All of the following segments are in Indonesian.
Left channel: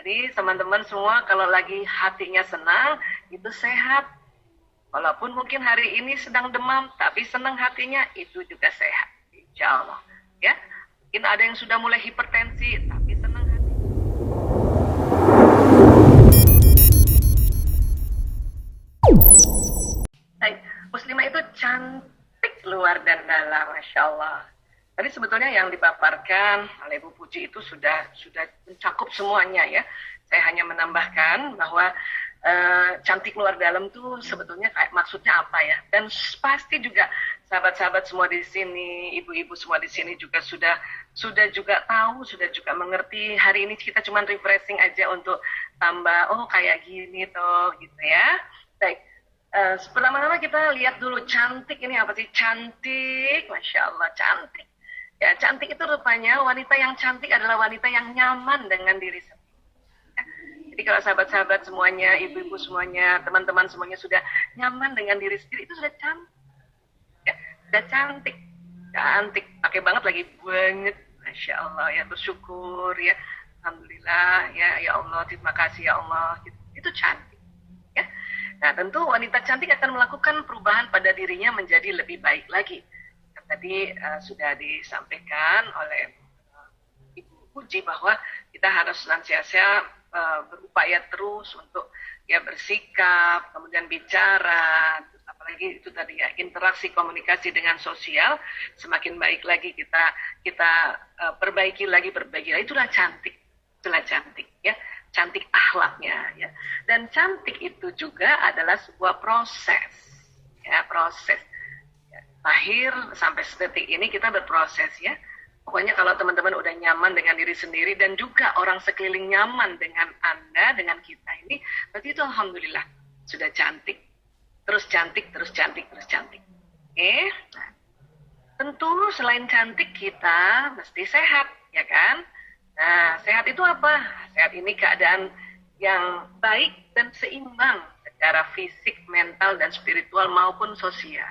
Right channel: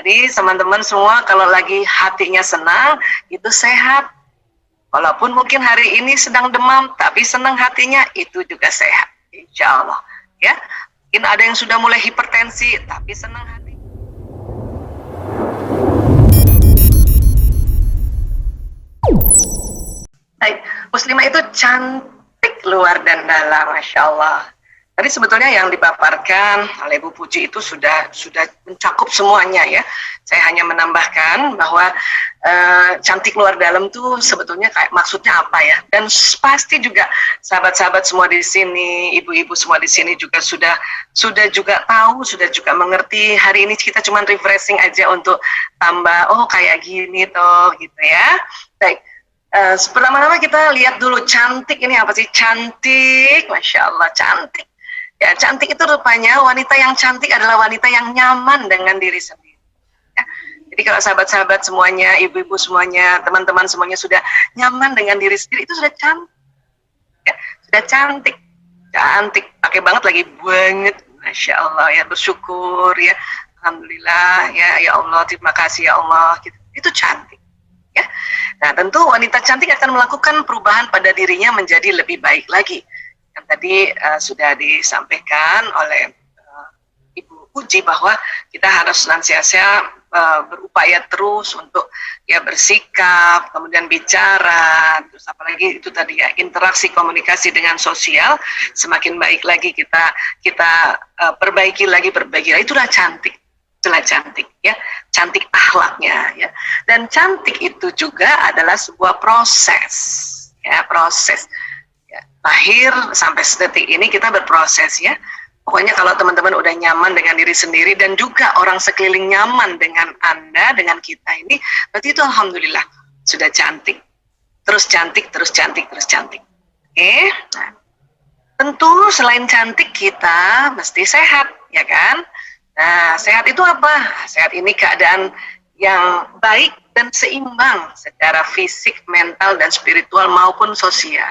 Jadi teman-teman semua kalau lagi hatinya senang, itu sehat. Walaupun mungkin hari ini sedang demam, tapi senang hatinya, itu juga sehat. Insya Allah. Ya, mungkin ada yang sudah mulai hipertensi, tapi senang hati. Baik, muslimah itu cantik luar dan dalam, Masya Allah. Tadi sebetulnya yang dipaparkan oleh Bu Puji itu sudah mencakup semuanya ya. Saya hanya menambahkan bahwa cantik luar dalam tuh sebetulnya kayak maksudnya apa ya. Dan pasti juga sahabat-sahabat semua di sini, ibu-ibu semua di sini juga sudah juga tahu, sudah juga mengerti. Hari ini kita cuma refreshing aja untuk tambah, oh kayak gini toh gitu ya. Baik. Pertama-tama kita lihat dulu cantik ini apa sih? Cantik, Masya Allah, cantik. Ya, cantik itu rupanya wanita yang cantik adalah wanita yang nyaman dengan diri sendiri. Ya. Jadi kalau sahabat-sahabat semuanya, ibu-ibu semuanya, teman-teman semuanya sudah nyaman dengan diri sendiri, itu sudah cantik. Ya, sudah cantik. Cantik, pakai banget lagi, banget. Masya Allah, ya bersyukur ya. Alhamdulillah, ya Allah, terima kasih ya Allah. Gitu. Itu cantik. Ya. Nah, tentu wanita cantik akan melakukan perubahan pada dirinya menjadi lebih baik lagi. Yang tadi sudah disampaikan oleh Ibu Puji bahwa kita harus senantiasa berupaya terus untuk ya bersikap, kemudian bicara, terus apalagi itu tadi ya interaksi komunikasi dengan sosial semakin baik lagi kita perbaiki lagi. Itulah cantik. Itulah cantik ya, cantik akhlaknya ya. Dan cantik itu juga adalah sebuah proses ya, proses ya. Lahir sampai sedetik ini kita berproses ya. Pokoknya kalau teman-teman udah nyaman dengan diri sendiri dan juga orang sekeliling nyaman dengan Anda, dengan kita ini, berarti itu alhamdulillah sudah cantik. Terus cantik, terus cantik, terus cantik. Oke. Nah, tentu selain cantik kita mesti sehat, ya kan? Nah, sehat itu apa? Sehat ini keadaan yang baik dan seimbang secara fisik, mental, dan spiritual maupun sosial.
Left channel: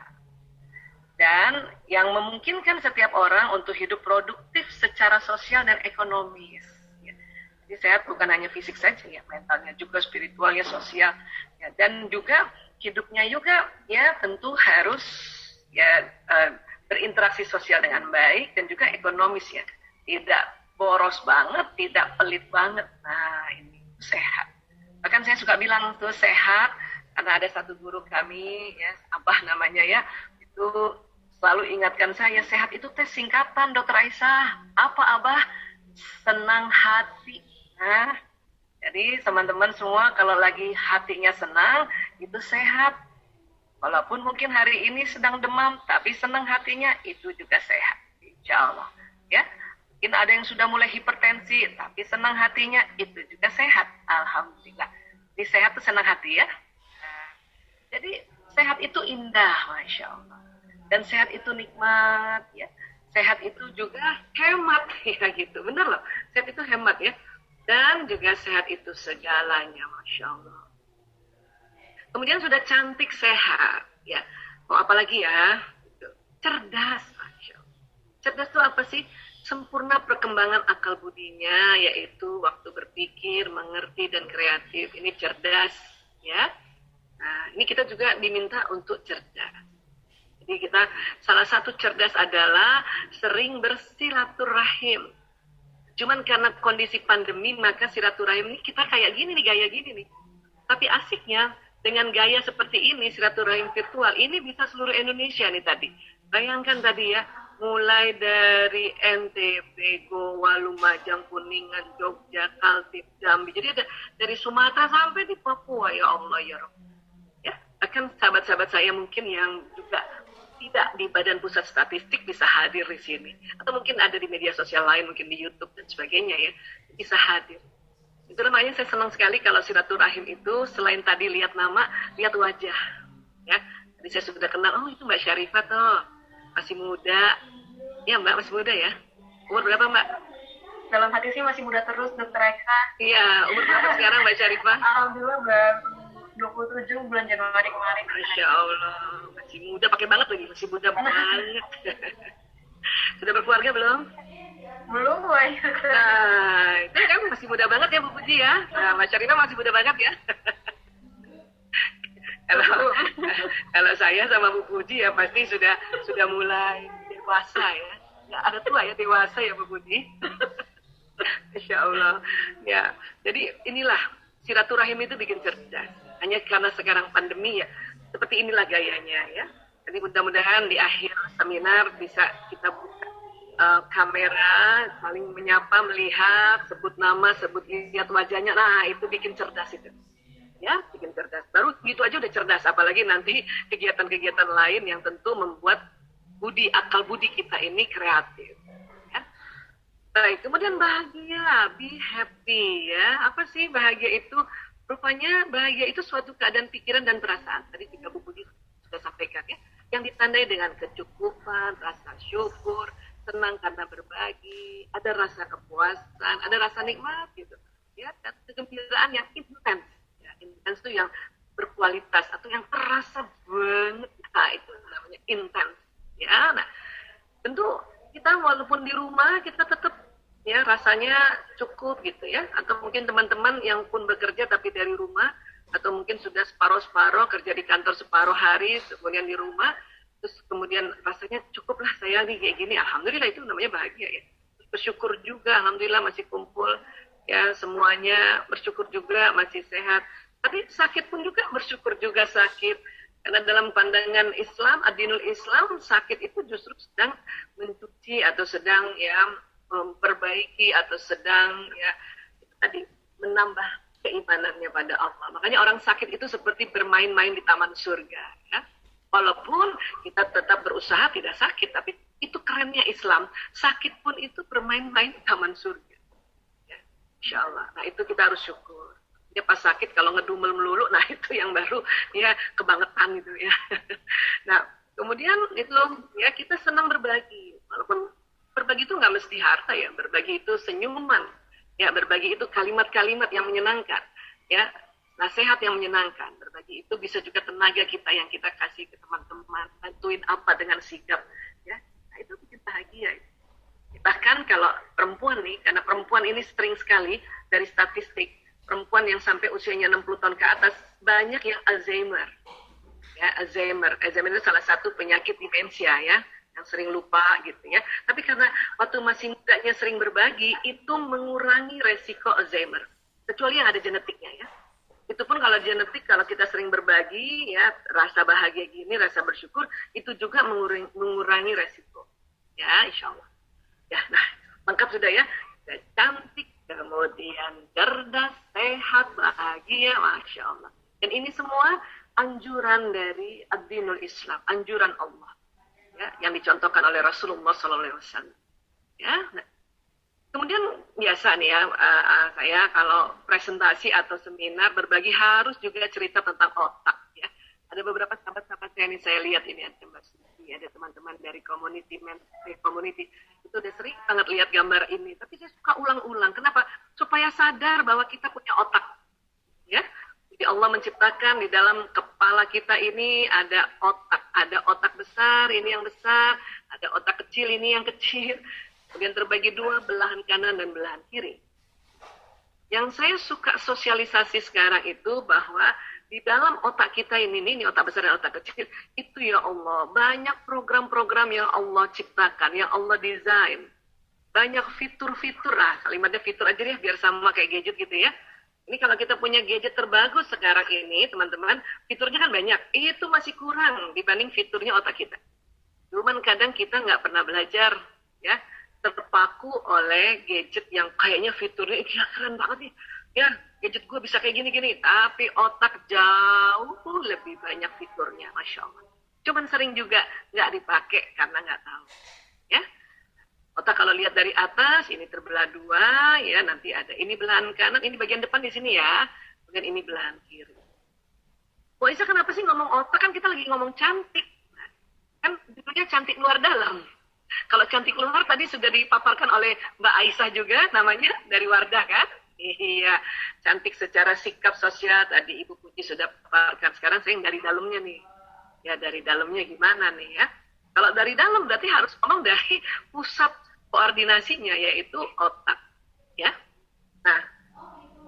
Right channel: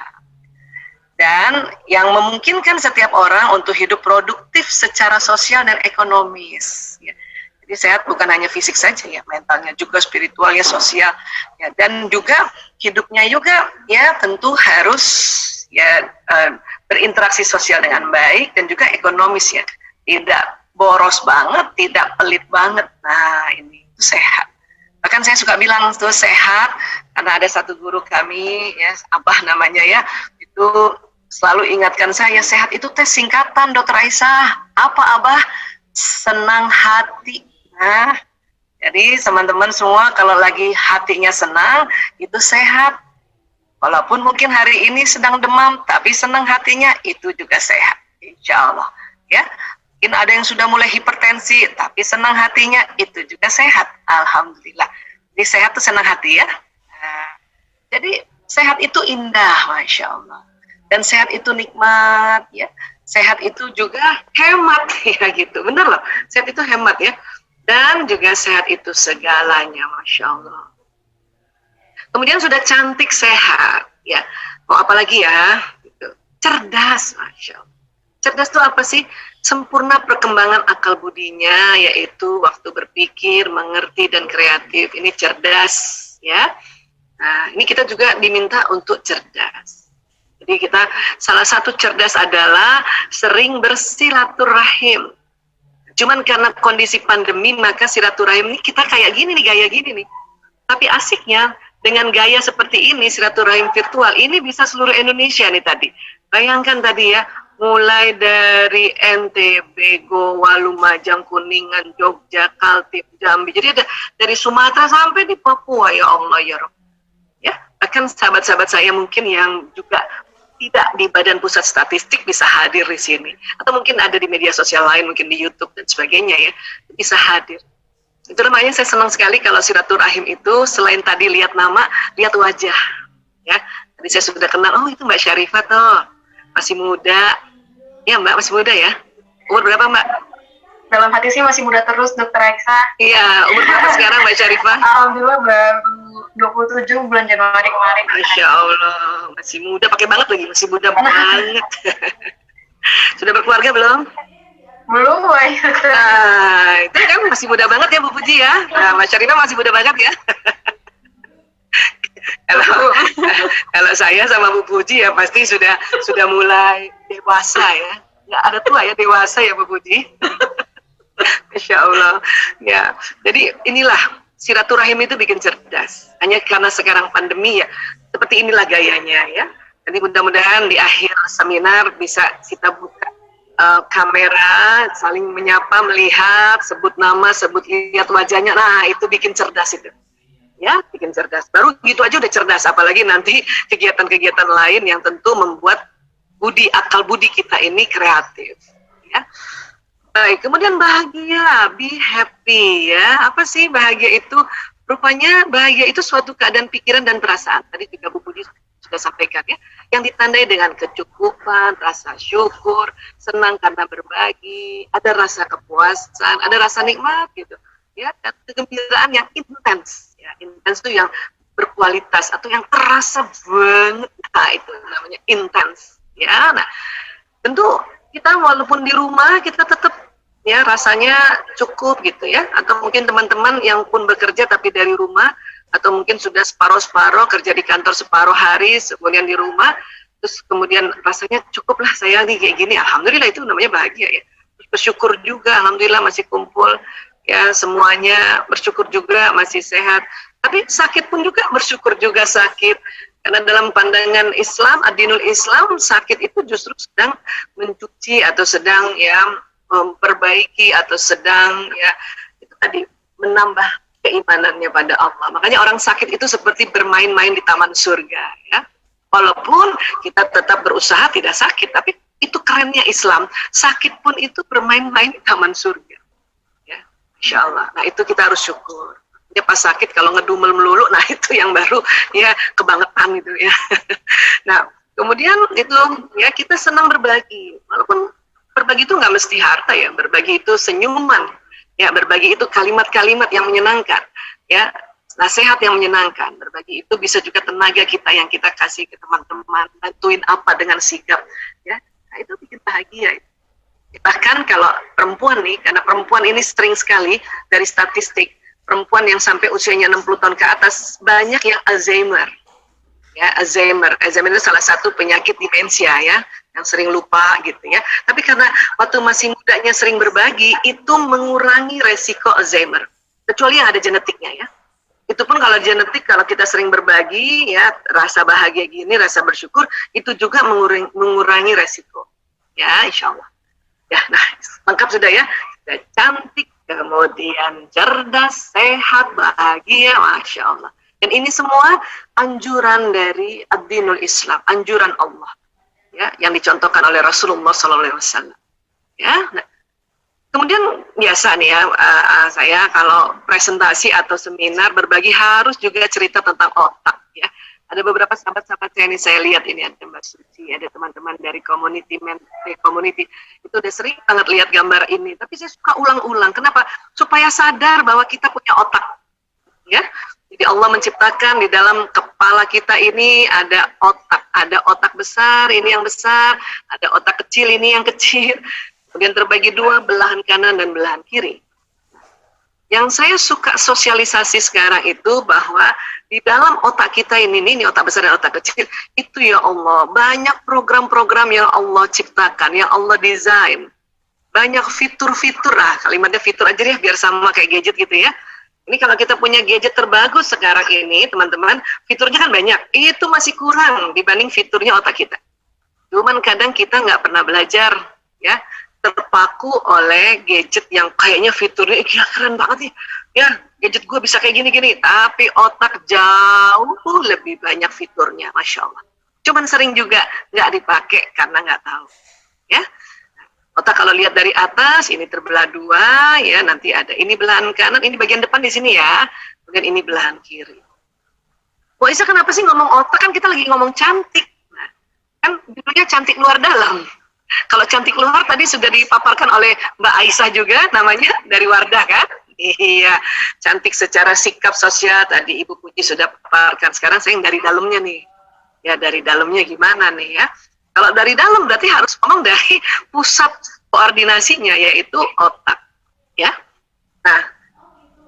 Dan yang memungkinkan setiap orang untuk hidup produktif secara sosial dan ekonomis. Ya. Jadi sehat bukan hanya fisik saja ya, mentalnya juga, spiritualnya, sosial. Ya. Dan juga hidupnya juga ya tentu harus ya berinteraksi sosial dengan baik dan juga ekonomis ya. Tidak boros banget, tidak pelit banget. Nah ini itu sehat. Bahkan saya suka bilang itu sehat karena ada satu guru kami ya, Abah namanya ya, itu selalu ingatkan saya, sehat itu tes singkatan Dokter Aisyah. Apa Abah? Senang hati. Nah, jadi teman-teman semua kalau lagi hatinya senang, itu sehat. Walaupun mungkin hari ini sedang demam, tapi senang hatinya, itu juga sehat. Insya Allah. Ya, mungkin ada yang sudah mulai hipertensi, tapi senang hatinya, itu juga sehat. Alhamdulillah. Jadi sehat itu senang hati ya. Nah, jadi sehat itu indah, Masya Allah. Dan sehat itu nikmat ya, sehat itu juga hemat ya gitu, bener loh, sehat itu hemat ya, dan juga sehat itu segalanya, Masya Allah. Kemudian sudah cantik sehat ya, mau apa lagi ya, gitu. Cerdas, Masya Allah. Cerdas itu apa sih? Sempurna perkembangan akal budinya, yaitu waktu berpikir, mengerti, dan kreatif. Ini cerdas ya. Nah ini kita juga diminta untuk cerdas. Jadi kita salah satu cerdas adalah sering bersilaturahim. Cuman karena kondisi pandemi maka silaturahim ini kita kayak gini nih, gaya gini nih. Tapi asiknya dengan gaya seperti ini, silaturahim virtual ini bisa seluruh Indonesia nih tadi. Bayangkan tadi ya, mulai dari NTB, Goa, Lumajang, Kuningan, Jogja, Kaltim, Jambi. Jadi ada dari Sumatera sampai di Papua, ya Allah ya Rabb. Ya, bahkan sahabat-sahabat saya mungkin yang juga tidak di Badan Pusat Statistik bisa hadir di sini, atau mungkin ada di media sosial lain, mungkin di YouTube dan sebagainya ya, bisa hadir. Itu namanya saya senang sekali kalau silaturahim itu selain tadi lihat nama, lihat wajah. Ya, tadi saya sudah kenal, oh itu Mbak Syarifah toh, masih muda. Ya Mbak masih muda ya. Umur berapa Mbak? Dalam hati sih masih muda terus, Dokter Aisyah. Iya, umur berapa sekarang Mbak Syarifah? Alhamdulillah baru 27 bulan Januari kemarin. Masya Allah, masih muda, pakai banget lagi, masih muda banget. Sudah berkeluarga belum? Belum banyak. Nah, itu kan masih muda banget ya Bu Puji ya. Nah, Mas Syarina masih muda banget ya. Kalau kalau saya sama Bu Puji ya pasti sudah mulai dewasa ya. Nggak ada tua ya, dewasa ya Bu Puji. Masya Allah. Ya, jadi inilah silaturahim itu bikin cerdas. Hanya karena sekarang pandemi ya, seperti inilah gayanya ya. Jadi mudah-mudahan di akhir seminar bisa kita buka kamera, saling menyapa, melihat, sebut nama, sebut lihat wajahnya. Nah, itu bikin cerdas itu. Ya, bikin cerdas. Baru gitu aja udah cerdas, apalagi nanti kegiatan-kegiatan lain yang tentu membuat akal budi kita ini kreatif. Ya. Baik, kemudian bahagia, be happy ya. Apa sih bahagia itu? Rupanya bahagia itu suatu keadaan pikiran dan perasaan. Tadi juga Bu Budi sudah sampaikan ya. Yang ditandai dengan kecukupan, rasa syukur, senang karena berbagi, ada rasa kepuasan, ada rasa nikmat gitu. Ya, dan kegembiraan yang intens. Ya, intens itu yang berkualitas atau yang terasa banget. Nah, itu namanya intens. Ya, nah, tentu kita walaupun di rumah kita tetap ya rasanya cukup gitu ya, atau mungkin teman-teman yang pun bekerja tapi dari rumah, atau mungkin sudah separuh-separuh kerja di kantor separuh hari kemudian di rumah, terus kemudian rasanya cukuplah saya nih kayak gini, alhamdulillah itu namanya bahagia ya. Terus bersyukur juga, alhamdulillah masih kumpul ya, semuanya bersyukur juga masih sehat, tapi sakit pun juga bersyukur juga sakit. Karena dalam pandangan Islam, ad-dinul Islam, sakit itu justru sedang mencuci atau sedang ya memperbaiki atau sedang ya itu tadi menambah keimanannya pada Allah. Makanya orang sakit itu seperti bermain-main di taman surga ya. Walaupun kita tetap berusaha tidak sakit, tapi itu kerennya Islam. Sakit pun itu bermain-main di taman surga. Ya, Insya Allah. Nah itu kita harus syukur. Ya pas sakit kalau ngedumel melulu, nah itu yang baru ya kebangetan itu ya. Nah kemudian itu ya kita senang berbagi, walaupun berbagi itu nggak mesti harta ya, berbagi itu senyuman, ya berbagi itu kalimat-kalimat yang menyenangkan, ya nasihat yang menyenangkan, berbagi itu bisa juga tenaga kita yang kita kasih ke teman-teman, bantuin apa dengan sikap, ya nah, itu bikin bahagia. Bahkan kalau perempuan nih, karena perempuan ini sering sekali dari statistik perempuan yang sampai usianya 60 tahun ke atas banyak yang Alzheimer. Ya, Alzheimer itu salah satu penyakit demensia ya, yang sering lupa gitu ya. Tapi karena waktu masih mudanya sering berbagi, itu mengurangi resiko Alzheimer. Kecuali yang ada genetiknya ya. Itu pun kalau genetik, kalau kita sering berbagi ya, rasa bahagia gini, rasa bersyukur, itu juga mengurangi resiko. Ya, insya Allah. Ya, nah, lengkap sudah ya. Sudah cantik, kemudian cerdas, sehat, bahagia, Masya Allah. Dan ini semua anjuran dari ad-dinul Islam, anjuran Allah, ya, yang dicontohkan oleh Rasulullah SAW. Ya, nah, kemudian biasa nih ya, saya kalau presentasi atau seminar berbagi harus juga cerita tentang otak. Ya, ada beberapa sahabat-sahabat saya ini saya lihat ini ada Mbak Suci, ada teman-teman dari community itu udah sering banget lihat gambar ini. Tapi saya suka ulang-ulang. Kenapa? Supaya sadar bahwa kita punya otak. Ya, jadi Allah menciptakan di dalam kepala kita ini ada otak besar, ini yang besar, ada otak kecil, ini yang kecil. Kemudian terbagi dua, belahan kanan dan belahan kiri. Yang saya suka sosialisasi sekarang itu bahwa di dalam otak kita ini otak besar dan otak kecil, itu ya Allah, banyak program-program yang Allah ciptakan, yang Allah desain. Banyak fitur-fitur, kalimatnya fitur aja ya, biar sama kayak gadget gitu ya. Ini kalau kita punya gadget terbagus sekarang ini, teman-teman, fiturnya kan banyak. Itu masih kurang dibanding fiturnya otak kita. Cuman kadang kita nggak pernah belajar, ya, terpaku oleh gadget yang kayaknya fiturnya gila keren banget nih. Ya, gadget gue bisa kayak gini-gini, tapi otak jauh lebih banyak fiturnya, Masya Allah. Cuman sering juga nggak dipakai karena nggak tahu. Ya, otak kalau lihat dari atas, ini terbelah dua, ya nanti ada ini belahan kanan, ini bagian depan di sini ya, kemudian ini belahan kiri. Wah Isa kenapa sih ngomong otak, kan kita lagi ngomong cantik. Nah, kan judulnya cantik luar dalam. Kalau cantik luar tadi sudah dipaparkan oleh Mbak Aisyah juga namanya dari Wardah kan? Iya, cantik secara sikap sosial tadi Ibu Puji sudah paparkan. Sekarang saya yang dari dalamnya nih. Ya dari dalamnya gimana nih ya? Kalau dari dalam berarti harus ngomong dari pusat koordinasinya yaitu otak, ya. Nah,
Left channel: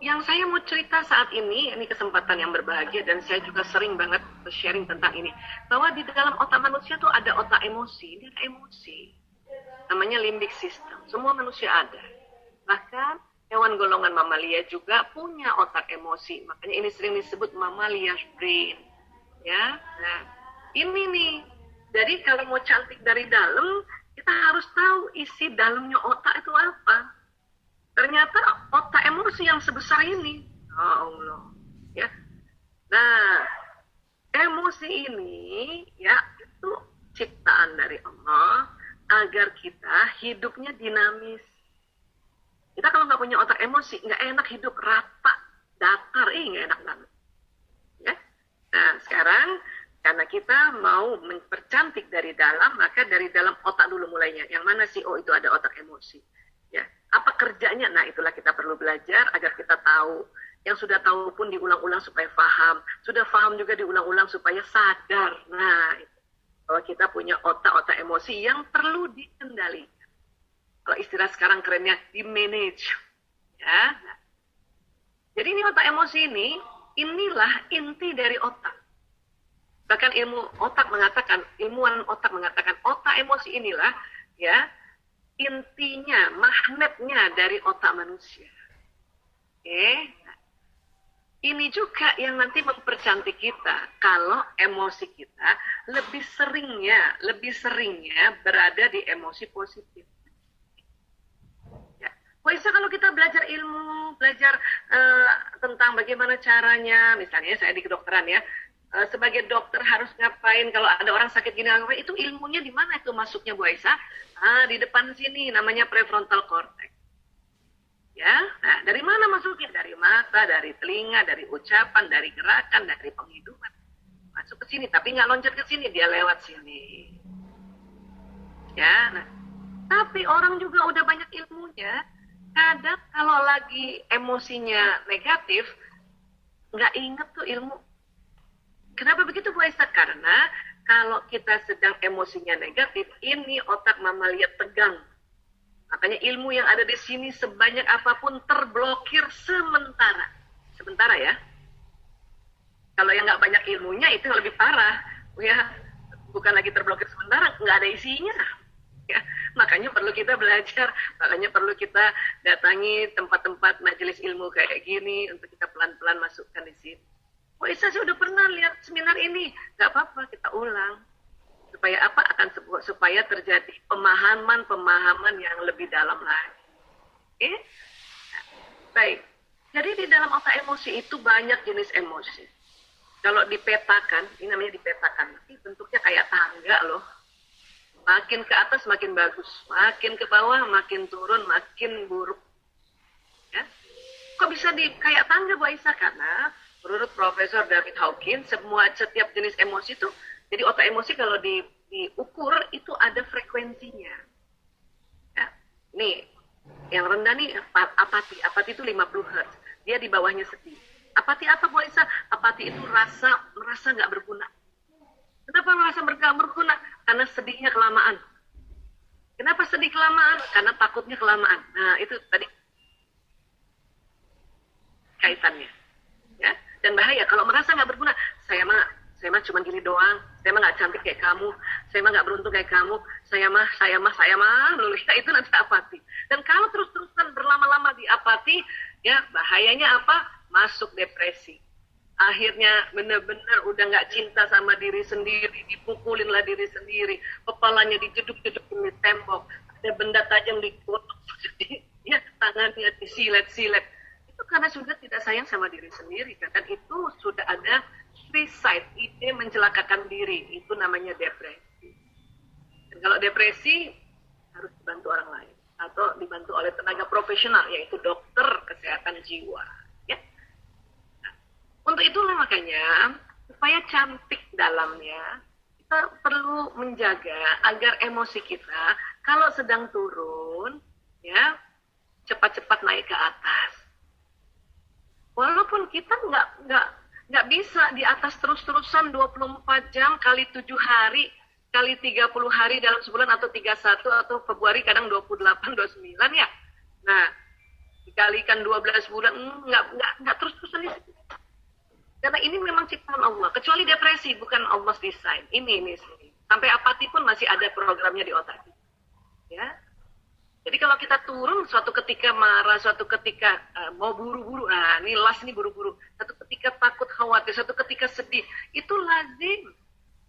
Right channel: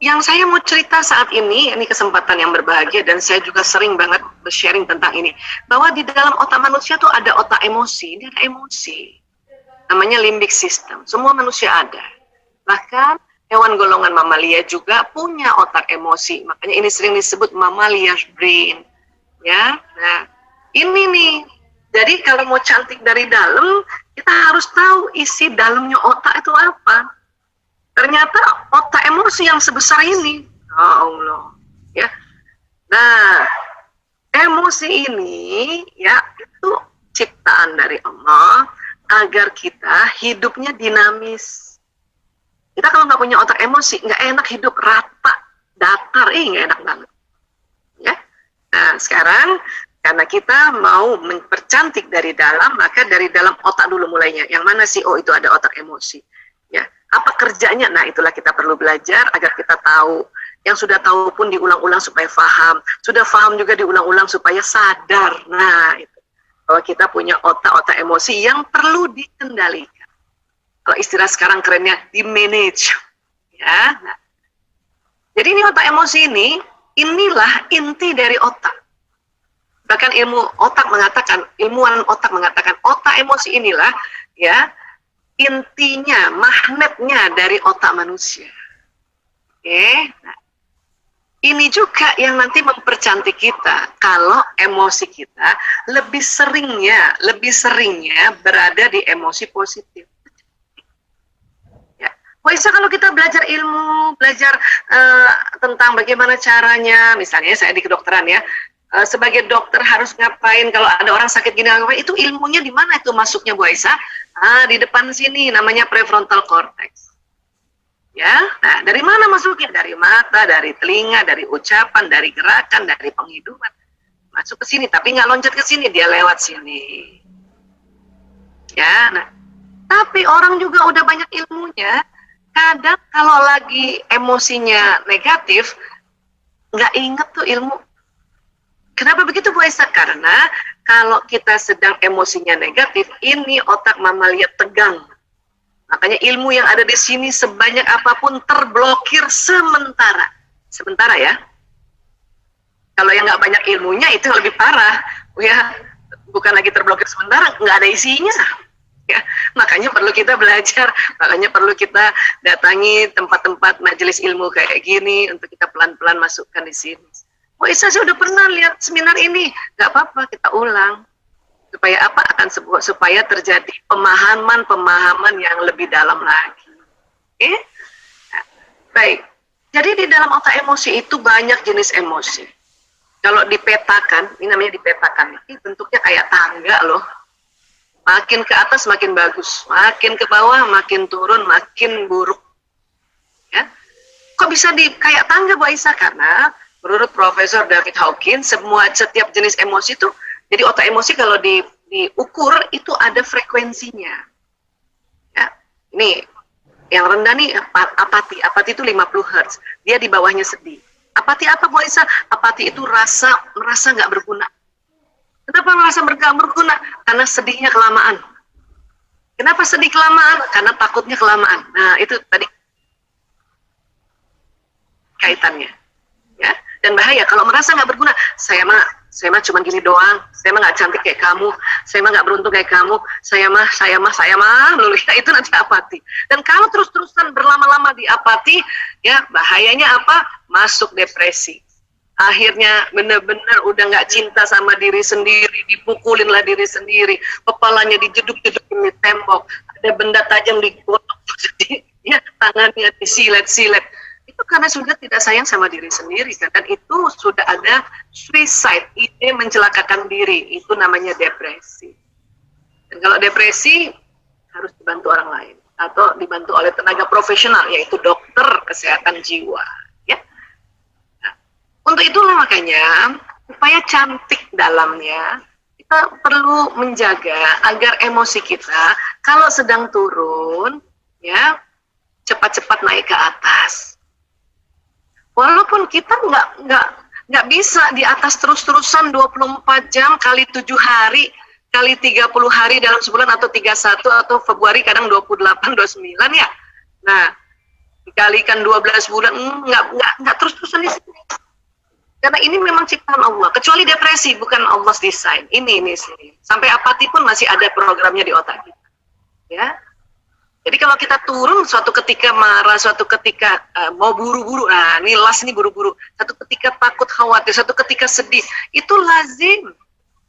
yang saya mau cerita saat ini kesempatan yang berbahagia dan saya juga sering banget sharing tentang ini, bahwa di dalam otak manusia tuh ada otak emosi, ini ada emosi, namanya limbic system, semua manusia ada. Bahkan hewan golongan mamalia juga punya otak emosi, makanya ini sering disebut mammalia's brain, ya. Nah, ini nih, jadi kalau mau cantik dari dalam, kita harus tahu isi dalamnya otak itu apa. Ternyata otak emosi yang sebesar ini, ya Allah, ya. Nah, emosi ini ya itu ciptaan dari Allah agar kita hidupnya dinamis. Kita kalau nggak punya otak emosi, nggak enak hidup, rata, datar, nggak enak banget. Ya. Nah, sekarang karena kita mau mempercantik dari dalam, maka dari dalam otak dulu mulainya. Yang mana sih? Oh, itu ada otak emosi. Ya, apa kerjanya? Nah, itulah kita perlu belajar agar kita tahu. Yang sudah tahu pun diulang-ulang supaya paham. Sudah paham juga diulang-ulang supaya sadar. Nah, itu. Bahwa kita punya otak-otak emosi yang perlu dikendalikan. Kalau istilah sekarang kerennya di-manage. Ya. Nah. Jadi ini otak emosi ini, inilah inti dari otak. Bahkan ilmuwan otak mengatakan otak emosi inilah ya intinya, magnetnya dari otak manusia. Oke, nah, ini juga yang nanti mempercantik kita kalau emosi kita lebih seringnya berada di emosi positif. Ya, bisa kalau kita belajar ilmu, belajar tentang bagaimana caranya, misalnya saya di kedokteran ya. Sebagai dokter harus ngapain kalau ada orang sakit gini, itu ilmunya di mana itu masuknya Bu Aisyah? Di depan sini namanya prefrontal cortex. Ya, nah dari mana masuknya? Dari mata, dari telinga, dari ucapan, dari gerakan, dari penghidupan. Masuk ke sini, tapi nggak loncat ke sini, dia lewat sini. Ya, nah tapi orang juga udah banyak ilmunya. Kadang kalau lagi emosinya negatif, nggak inget tuh ilmu. Kenapa begitu Bu Aisyah? Karena kalau kita sedang emosinya negatif, ini otak mamalia tegang. Makanya ilmu yang ada di sini sebanyak apapun terblokir sementara. Sementara ya. Kalau yang nggak banyak ilmunya itu lebih parah. Ya, bukan lagi terblokir sementara, nggak ada isinya. Ya, makanya perlu kita belajar, makanya perlu kita datangi tempat-tempat majelis ilmu kayak gini untuk kita pelan-pelan masukkan di sini. Oh, saya sudah pernah lihat seminar ini, nggak apa-apa kita ulang supaya apa supaya terjadi pemahaman yang lebih dalam lagi. Oke? Nah, baik. Jadi di dalam otak emosi itu banyak jenis emosi. Kalau dipetakan, ini namanya dipetakan. Ini bentuknya kayak tangga loh. Makin ke atas makin bagus, makin ke bawah makin turun, makin buruk. Ya. Kok bisa kayak tangga Bu Aisyah? Karena menurut Profesor David Hawkins, setiap jenis emosi itu, jadi otak emosi kalau diukur itu ada frekuensinya. Ya, ini yang rendah nih apati itu 50 Hz, dia di bawahnya sedih. Apati apa Bu Aisyah? Apati itu merasa nggak berguna. Kenapa merasa nggak berguna? Karena sedihnya kelamaan. Kenapa sedih kelamaan? Karena takutnya kelamaan. Nah itu tadi kaitannya. Ya. Dan bahaya kalau merasa nggak berguna, saya mah cuma gini doang, saya mah nggak cantik kayak kamu, saya mah nggak beruntung kayak kamu, saya mah lulu, ya, itu nanti apati. Dan kalau terus-terusan berlama-lama di apati, ya bahayanya apa? Masuk depresi. Akhirnya benar-benar udah nggak cinta sama diri sendiri, dipukulinlah diri sendiri, kepalanya dijeduk-jedukin di tembok, ada benda tajam digotok, ya tangannya disilet-silet. Itu karena sudah tidak sayang sama diri sendiri kan? Dan itu sudah ada suicide, ide mencelakakan diri, itu namanya depresi. Dan kalau depresi harus dibantu orang lain atau dibantu oleh tenaga profesional, yaitu dokter kesehatan jiwa. Ya. Nah, untuk itulah makanya supaya cantik dalamnya, kita perlu menjaga agar emosi kita kalau sedang turun, ya cepat-cepat naik ke atas. Walaupun kita nggak bisa di atas terus-terusan 24 jam kali 7 hari, kali 30 hari dalam sebulan atau 31 atau Februari kadang 28, 29 ya. Nah, dikalikan 12 bulan nggak terus-terusan di sini. Karena ini memang ciptaan Allah. Kecuali depresi, bukan Allah desain. Ini sih. Sampai apati pun masih ada programnya di otak kita. Ya. Jadi kalau kita turun suatu ketika marah, suatu ketika mau buru-buru, nah ini las ini buru-buru, satu ketika takut khawatir, satu ketika sedih, itu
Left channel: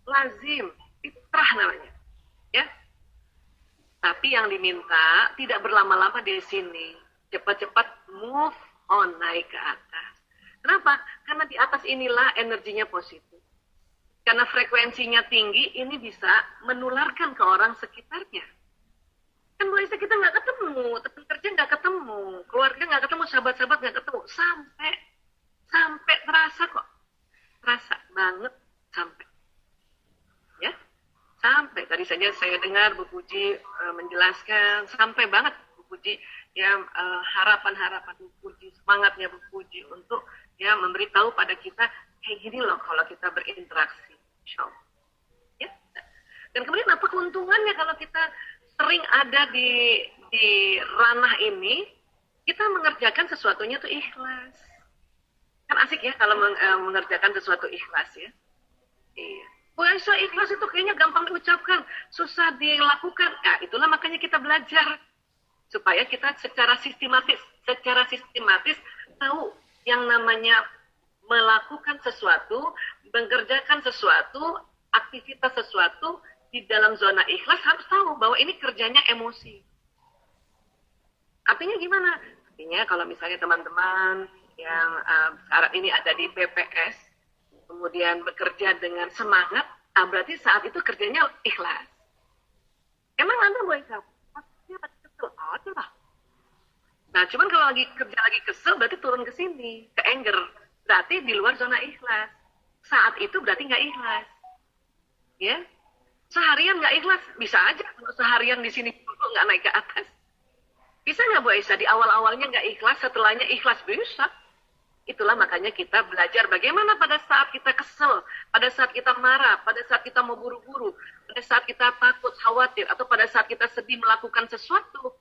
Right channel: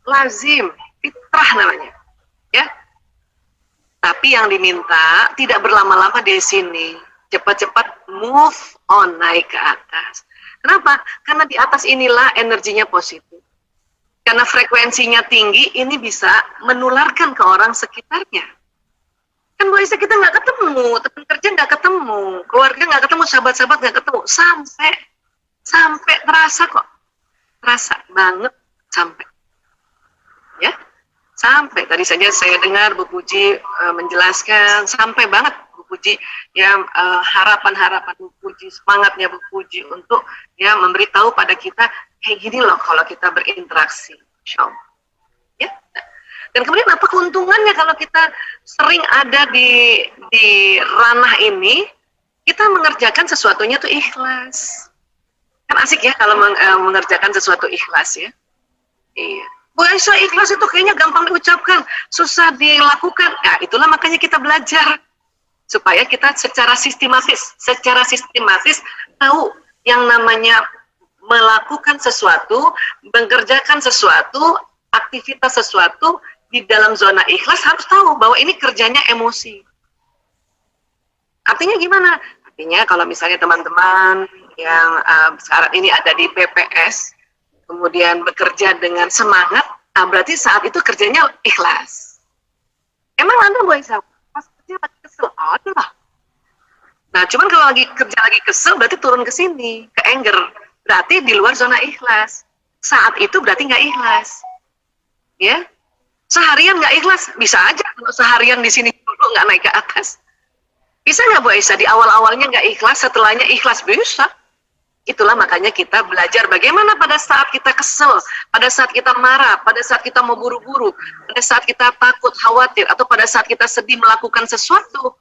lazim, fitrah namanya, ya. Tapi yang diminta tidak berlama-lama di sini, cepat-cepat move on, naik ke atas. Kenapa? Karena di atas inilah energinya positif. Karena frekuensinya tinggi, ini bisa menularkan ke orang sekitarnya. Kan Bu Aisyah kita nggak ketemu, teman kerja nggak ketemu, keluarga nggak ketemu, sahabat-sahabat nggak ketemu, sampai terasa kok, terasa banget sampai, ya, sampai tadi saja saya dengar Bu Puji menjelaskan, sampai banget Bu Puji, ya harapan-harapan Bu Puji, semangatnya Bu Puji untuk ya memberitahu pada kita kayak gini loh kalau kita berinteraksi, Insya Allah. Ya. Dan kemudian apa keuntungannya kalau kita sering ada di ranah ini, kita mengerjakan sesuatunya tuh ikhlas. Kan asik ya kalau mengerjakan sesuatu ikhlas ya. Iya. Bu Aisyah, ikhlas itu kayaknya gampang diucapkan, susah dilakukan. Nah, itulah makanya kita belajar supaya kita secara sistematis tahu yang namanya melakukan sesuatu, mengerjakan sesuatu, aktivitas sesuatu di dalam zona ikhlas harus tahu bahwa ini kerjanya emosi. Artinya gimana? Artinya kalau misalnya teman-teman yang sekarang ini ada di PPS, kemudian bekerja dengan semangat, nah berarti saat itu kerjanya ikhlas. Emang Anda Bu Aisyah, pas kerja lagi kesel? Ada lah. Nah cuman kalau kerja lagi kesel berarti turun ke sini, ke anger. Berarti di luar zona ikhlas. Saat itu berarti nggak ikhlas. Ya, seharian nggak ikhlas, bisa aja kalau seharian di sini dulu nggak naik ke atas. Bisa nggak Bu Aisyah di awal-awalnya nggak ikhlas, setelahnya ikhlas? Bisa. Itulah makanya kita belajar bagaimana pada saat kita kesel, pada saat kita marah, pada saat kita mau buru-buru, pada saat kita takut, khawatir, atau pada saat kita sedih melakukan sesuatu.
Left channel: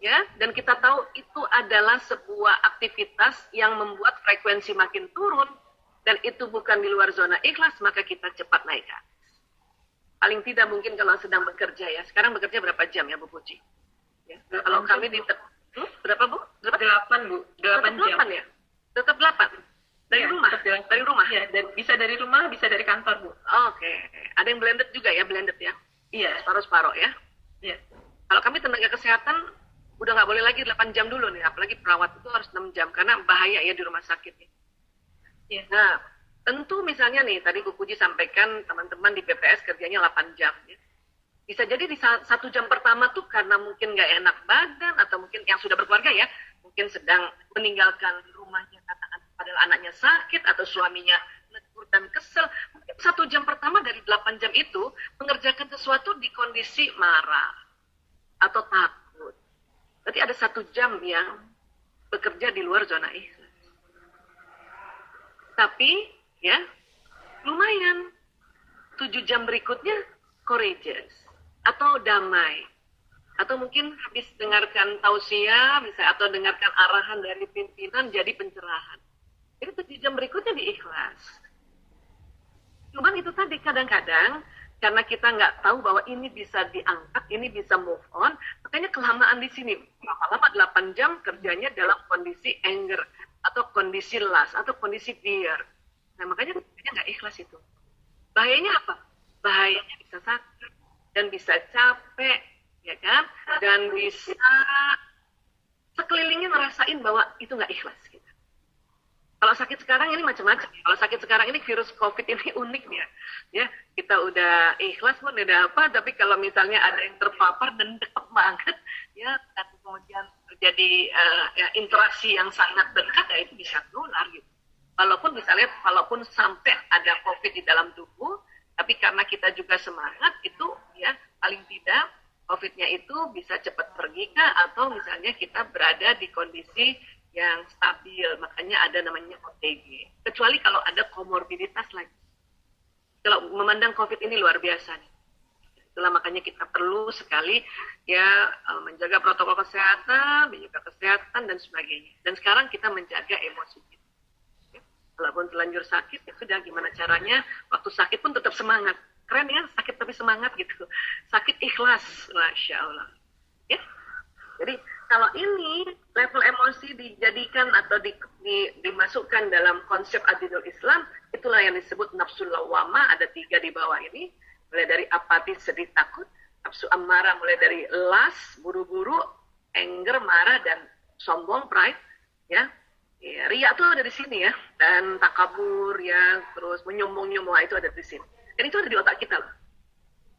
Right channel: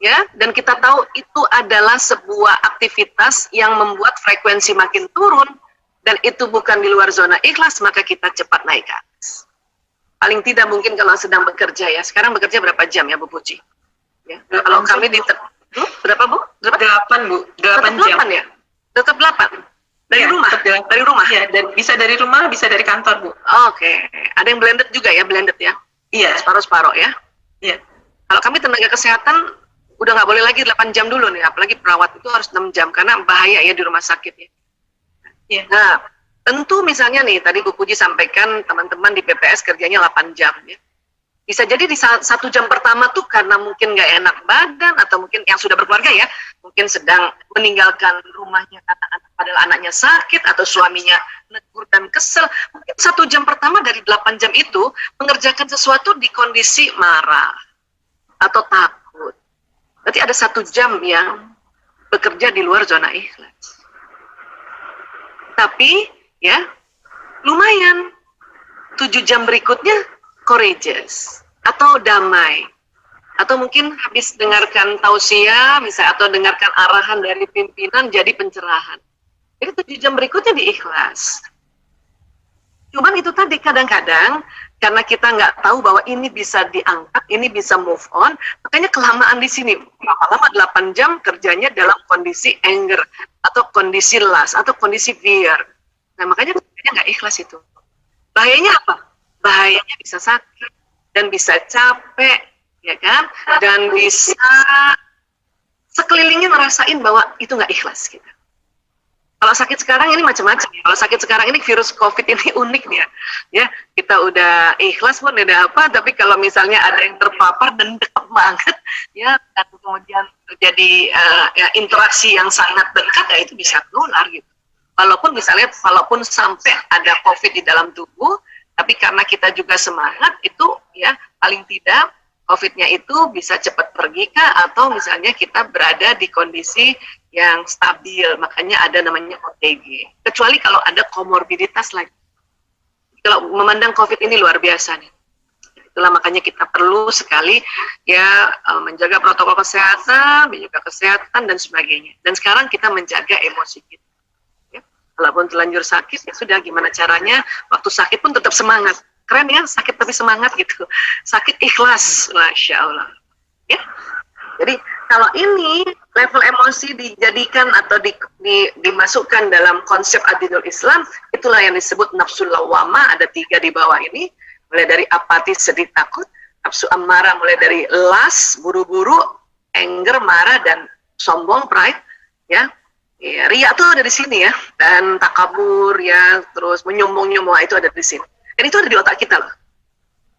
Ya, dan kita tahu itu adalah sebuah aktivitas yang membuat frekuensi makin turun, dan itu bukan di luar zona ikhlas, maka kita cepat naik ke atas. Paling tidak mungkin kalau sedang bekerja ya. Sekarang bekerja berapa jam ya Bu Puji? Ya. Kalau kami di berapa Bu? 8 Bu, 8 jam. 8 ya? Tetap 8? Dari rumah? Dari rumah? Ya, bisa dari rumah, bisa dari kantor Bu. Oke. Ada yang blended juga ya, blended ya? Iya. Separuh-separuh ya? Iya. Kalau kami tenaga kesehatan, udah nggak boleh lagi 8 jam dulu nih. Apalagi perawat itu harus 6 jam, karena bahaya ya di rumah sakit ya. Iya. Nah, tentu misalnya nih, tadi Bu Puji sampaikan teman-teman di PPS kerjanya 8 jam ya. Bisa jadi di 1 jam pertama tuh karena mungkin nggak enak badan, atau mungkin yang sudah berkeluarga ya, mungkin sedang meninggalkan rumahnya padahal anaknya sakit, atau suaminya negur dan kesel. Mungkin 1 jam pertama dari 8 jam itu mengerjakan sesuatu di kondisi marah atau takut. Berarti ada 1 jam yang bekerja di luar zona ikhlas. Tapi ya, lumayan. 7 jam berikutnya courageous atau damai. Atau mungkin habis dengarkan tausiah, misalnya, atau dengarkan arahan dari pimpinan jadi pencerahan. Jadi 7 jam berikutnya diikhlas. Cuman itu tadi kadang-kadang karena kita nggak tahu bahwa ini bisa diangkat, ini bisa move on, makanya kelamaan di sini. Lama-lama 8 jam kerjanya dalam kondisi anger, atau kondisi lust, atau kondisi fear. Nah makanya nggak ikhlas itu. Bahayanya apa? Bahayanya bisa sakit, dan bisa capek, ya kan? Dan bisa sekelilingnya ngerasain bahwa itu nggak ikhlas kita. Kalau sakit sekarang ini macam-macam. Kalau sakit sekarang ini virus COVID ini unik nih ya. Ya, kita udah ikhlas pun udah apa, tapi kalau misalnya ada yang terpapar dan dekat banget, ya, dan kemudian terjadi ya, interaksi yang sangat dekat, ya itu bisa menular gitu. Walaupun misalnya, walaupun sampai ada COVID di dalam tubuh, tapi karena kita juga semangat, itu ya paling tidak COVID-nya itu bisa cepat pergi kah, atau misalnya kita berada di kondisi yang stabil, makanya ada namanya OTG. Kecuali kalau ada komorbiditas lagi. Kalau memandang COVID ini luar biasa nih. Itulah makanya kita perlu sekali ya menjaga protokol kesehatan, menjaga kesehatan dan sebagainya. Dan sekarang kita menjaga emosi kita. Ya. Walaupun terlanjur sakit, ya sudah gimana caranya, waktu sakit pun tetap semangat. Keren ya, sakit tapi semangat gitu. Sakit ikhlas, Masya Allah. Ya. Jadi kalau ini level emosi dijadikan atau dimasukkan dalam konsep adilul Islam, itulah yang disebut nafsul lawwamah, ada 3 di bawah ini. Mulai dari apatis, sedih, takut, nafsu amarah mulai dari las, buru-buru, anger, marah, dan sombong, pride, ya. Ya, ria itu ada di sini ya, dan takabur ya, terus menyombong-nyombong itu ada di sini. Dan itu ada di otak kita loh,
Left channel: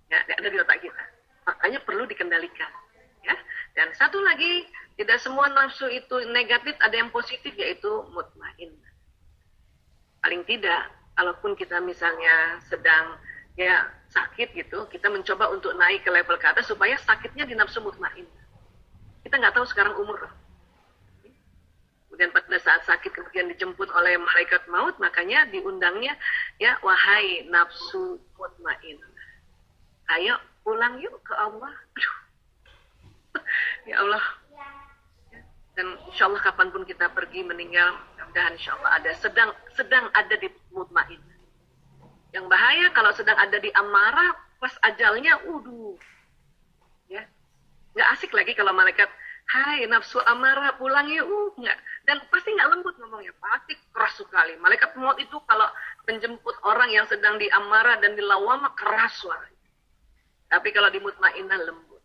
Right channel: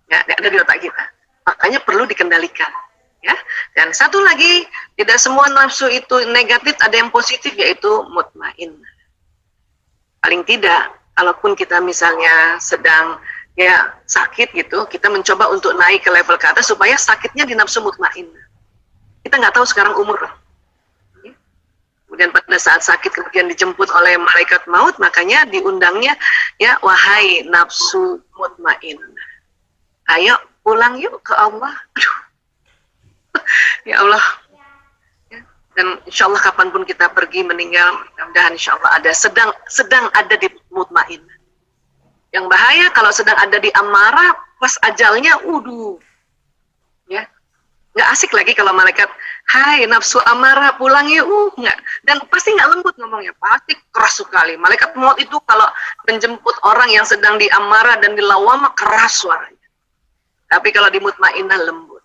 ya, ada di otak kita. Makanya perlu dikendalikan, ya. Dan satu lagi, tidak semua nafsu itu negatif, ada yang positif yaitu mutmainnah. Paling tidak, kalaupun kita misalnya sedang ya sakit gitu, kita mencoba untuk naik ke level ke atas supaya sakitnya di nafsu mutmainnah. Kita nggak tahu sekarang umur. Kemudian pada saat sakit kemudian dijemput oleh malaikat maut, makanya diundangnya ya wahai nafsu mutmainnah. Ayo pulang yuk ke Allah. Aduh. Ya Allah. Ya. Dan insya Allah kapanpun kita pergi meninggal, mudah-mudahan insya Allah ada sedang ada di mutmainnah. Yang bahaya kalau sedang ada di amarah, pas ajalnya, ya, nggak asik lagi kalau malaikat, hai nafsu amarah pulang ya, nggak, dan pasti nggak lembut ngomongnya, pasti keras sekali. Malaikat maut itu kalau menjemput orang yang sedang di amarah dan di lawamah keras suaranya. Tapi kalau di mutmainnah lembut.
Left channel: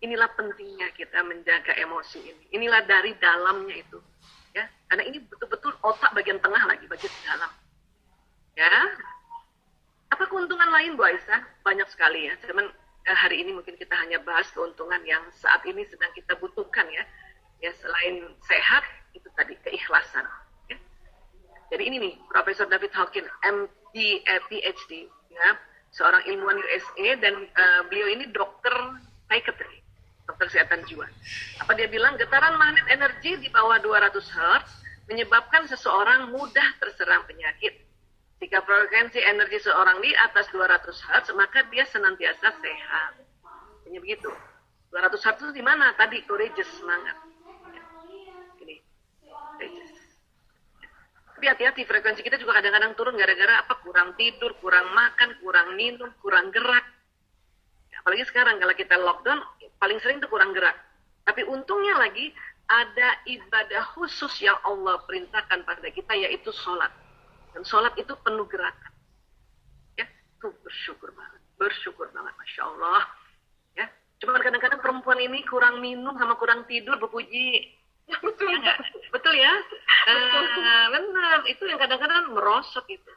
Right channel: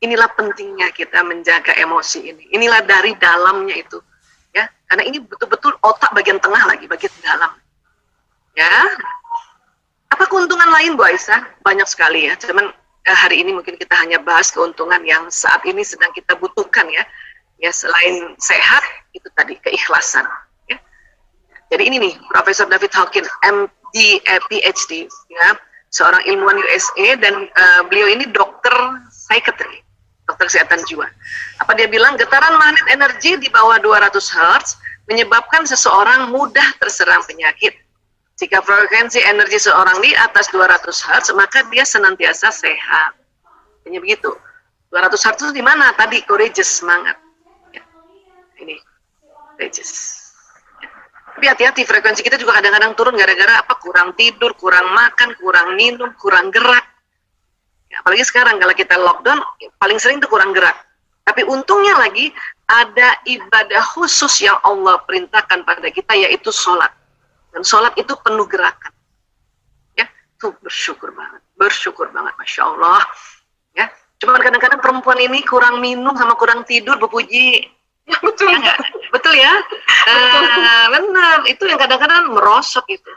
Inilah pentingnya kita menjaga emosi ini. Inilah dari dalamnya itu, ya, karena ini betul-betul otak bagian tengah lagi, bagian dalam, ya. Apa keuntungan lain Bu Aisyah? Banyak sekali ya. Cuman hari ini mungkin kita hanya bahas keuntungan yang saat ini sedang kita butuhkan ya. Ya selain sehat itu tadi keikhlasan. Ya. Jadi ini nih Profesor David Hawkins, MD, PhD, ya, seorang ilmuwan USA dan beliau ini dokter psikiatri, dokter kesehatan jiwa. Apa dia bilang? Getaran magnet energi di bawah 200 Hz menyebabkan seseorang mudah terserang penyakit. Jika frekuensi energi seorang di atas 200 Hz, maka dia senantiasa sehat. Hanya begitu. 200 Hz itu di mana? Tadi courageous, semangat. Ya. Ini, courageous. Ya. Tapi hati-hati, frekuensi kita juga kadang-kadang turun gara-gara apa? Kurang tidur, kurang makan, kurang minum, kurang gerak. Ya, apalagi sekarang kalau kita lockdown, paling sering itu kurang gerak. Tapi untungnya lagi, ada ibadah khusus yang Allah perintahkan pada kita, yaitu sholat. Dan sholat itu penuh gerakan, ya, tuh bersyukur banget, Masya Allah, ya. Cuma kadang-kadang perempuan ini kurang minum sama kurang tidur, Bu Puji, ya betul ya, betul ya, benar, itu yang kadang-kadang merosot itu,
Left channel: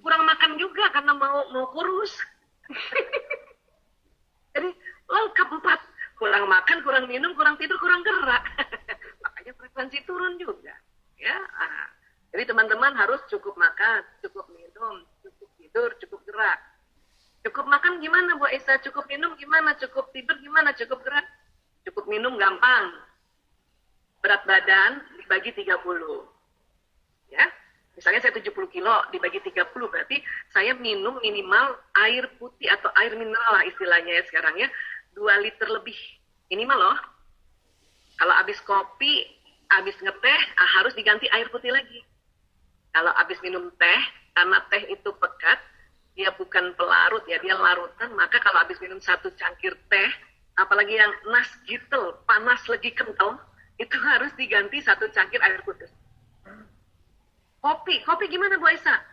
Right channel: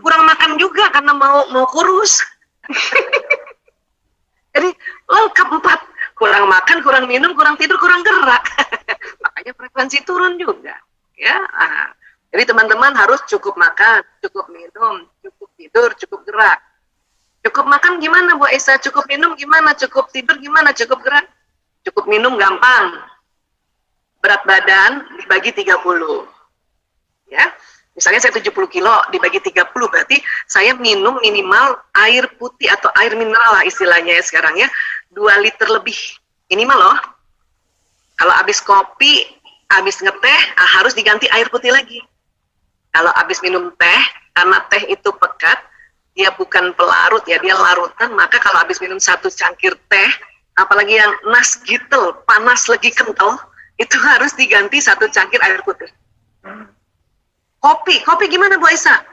kurang makan juga karena mau kurus, jadi lengkap 4, kurang makan, kurang minum, kurang tidur, kurang gerak, makanya frekuensi turun juga, ya. Jadi teman-teman harus cukup makan, cukup minum, cukup tidur, cukup gerak. Cukup makan gimana Bu Aisyah? Cukup minum gimana? Cukup tidur gimana? Cukup gerak? Cukup minum gampang. Berat badan dibagi 30. Ya. Misalnya saya 70 kilo dibagi 30 berarti saya minum minimal air putih atau air mineral lah istilahnya ya sekarang ya. 2 liter lebih minimal loh. Kalau habis kopi, habis ngeteh harus diganti air putih lagi. Kalau habis minum teh, karena teh itu pekat, dia bukan pelarut ya, dia larutan, maka kalau habis minum 1 cangkir teh, apalagi yang nas gitel, panas lagi kental, itu harus diganti 1 cangkir air putih. Kopi gimana Bu Aisyah?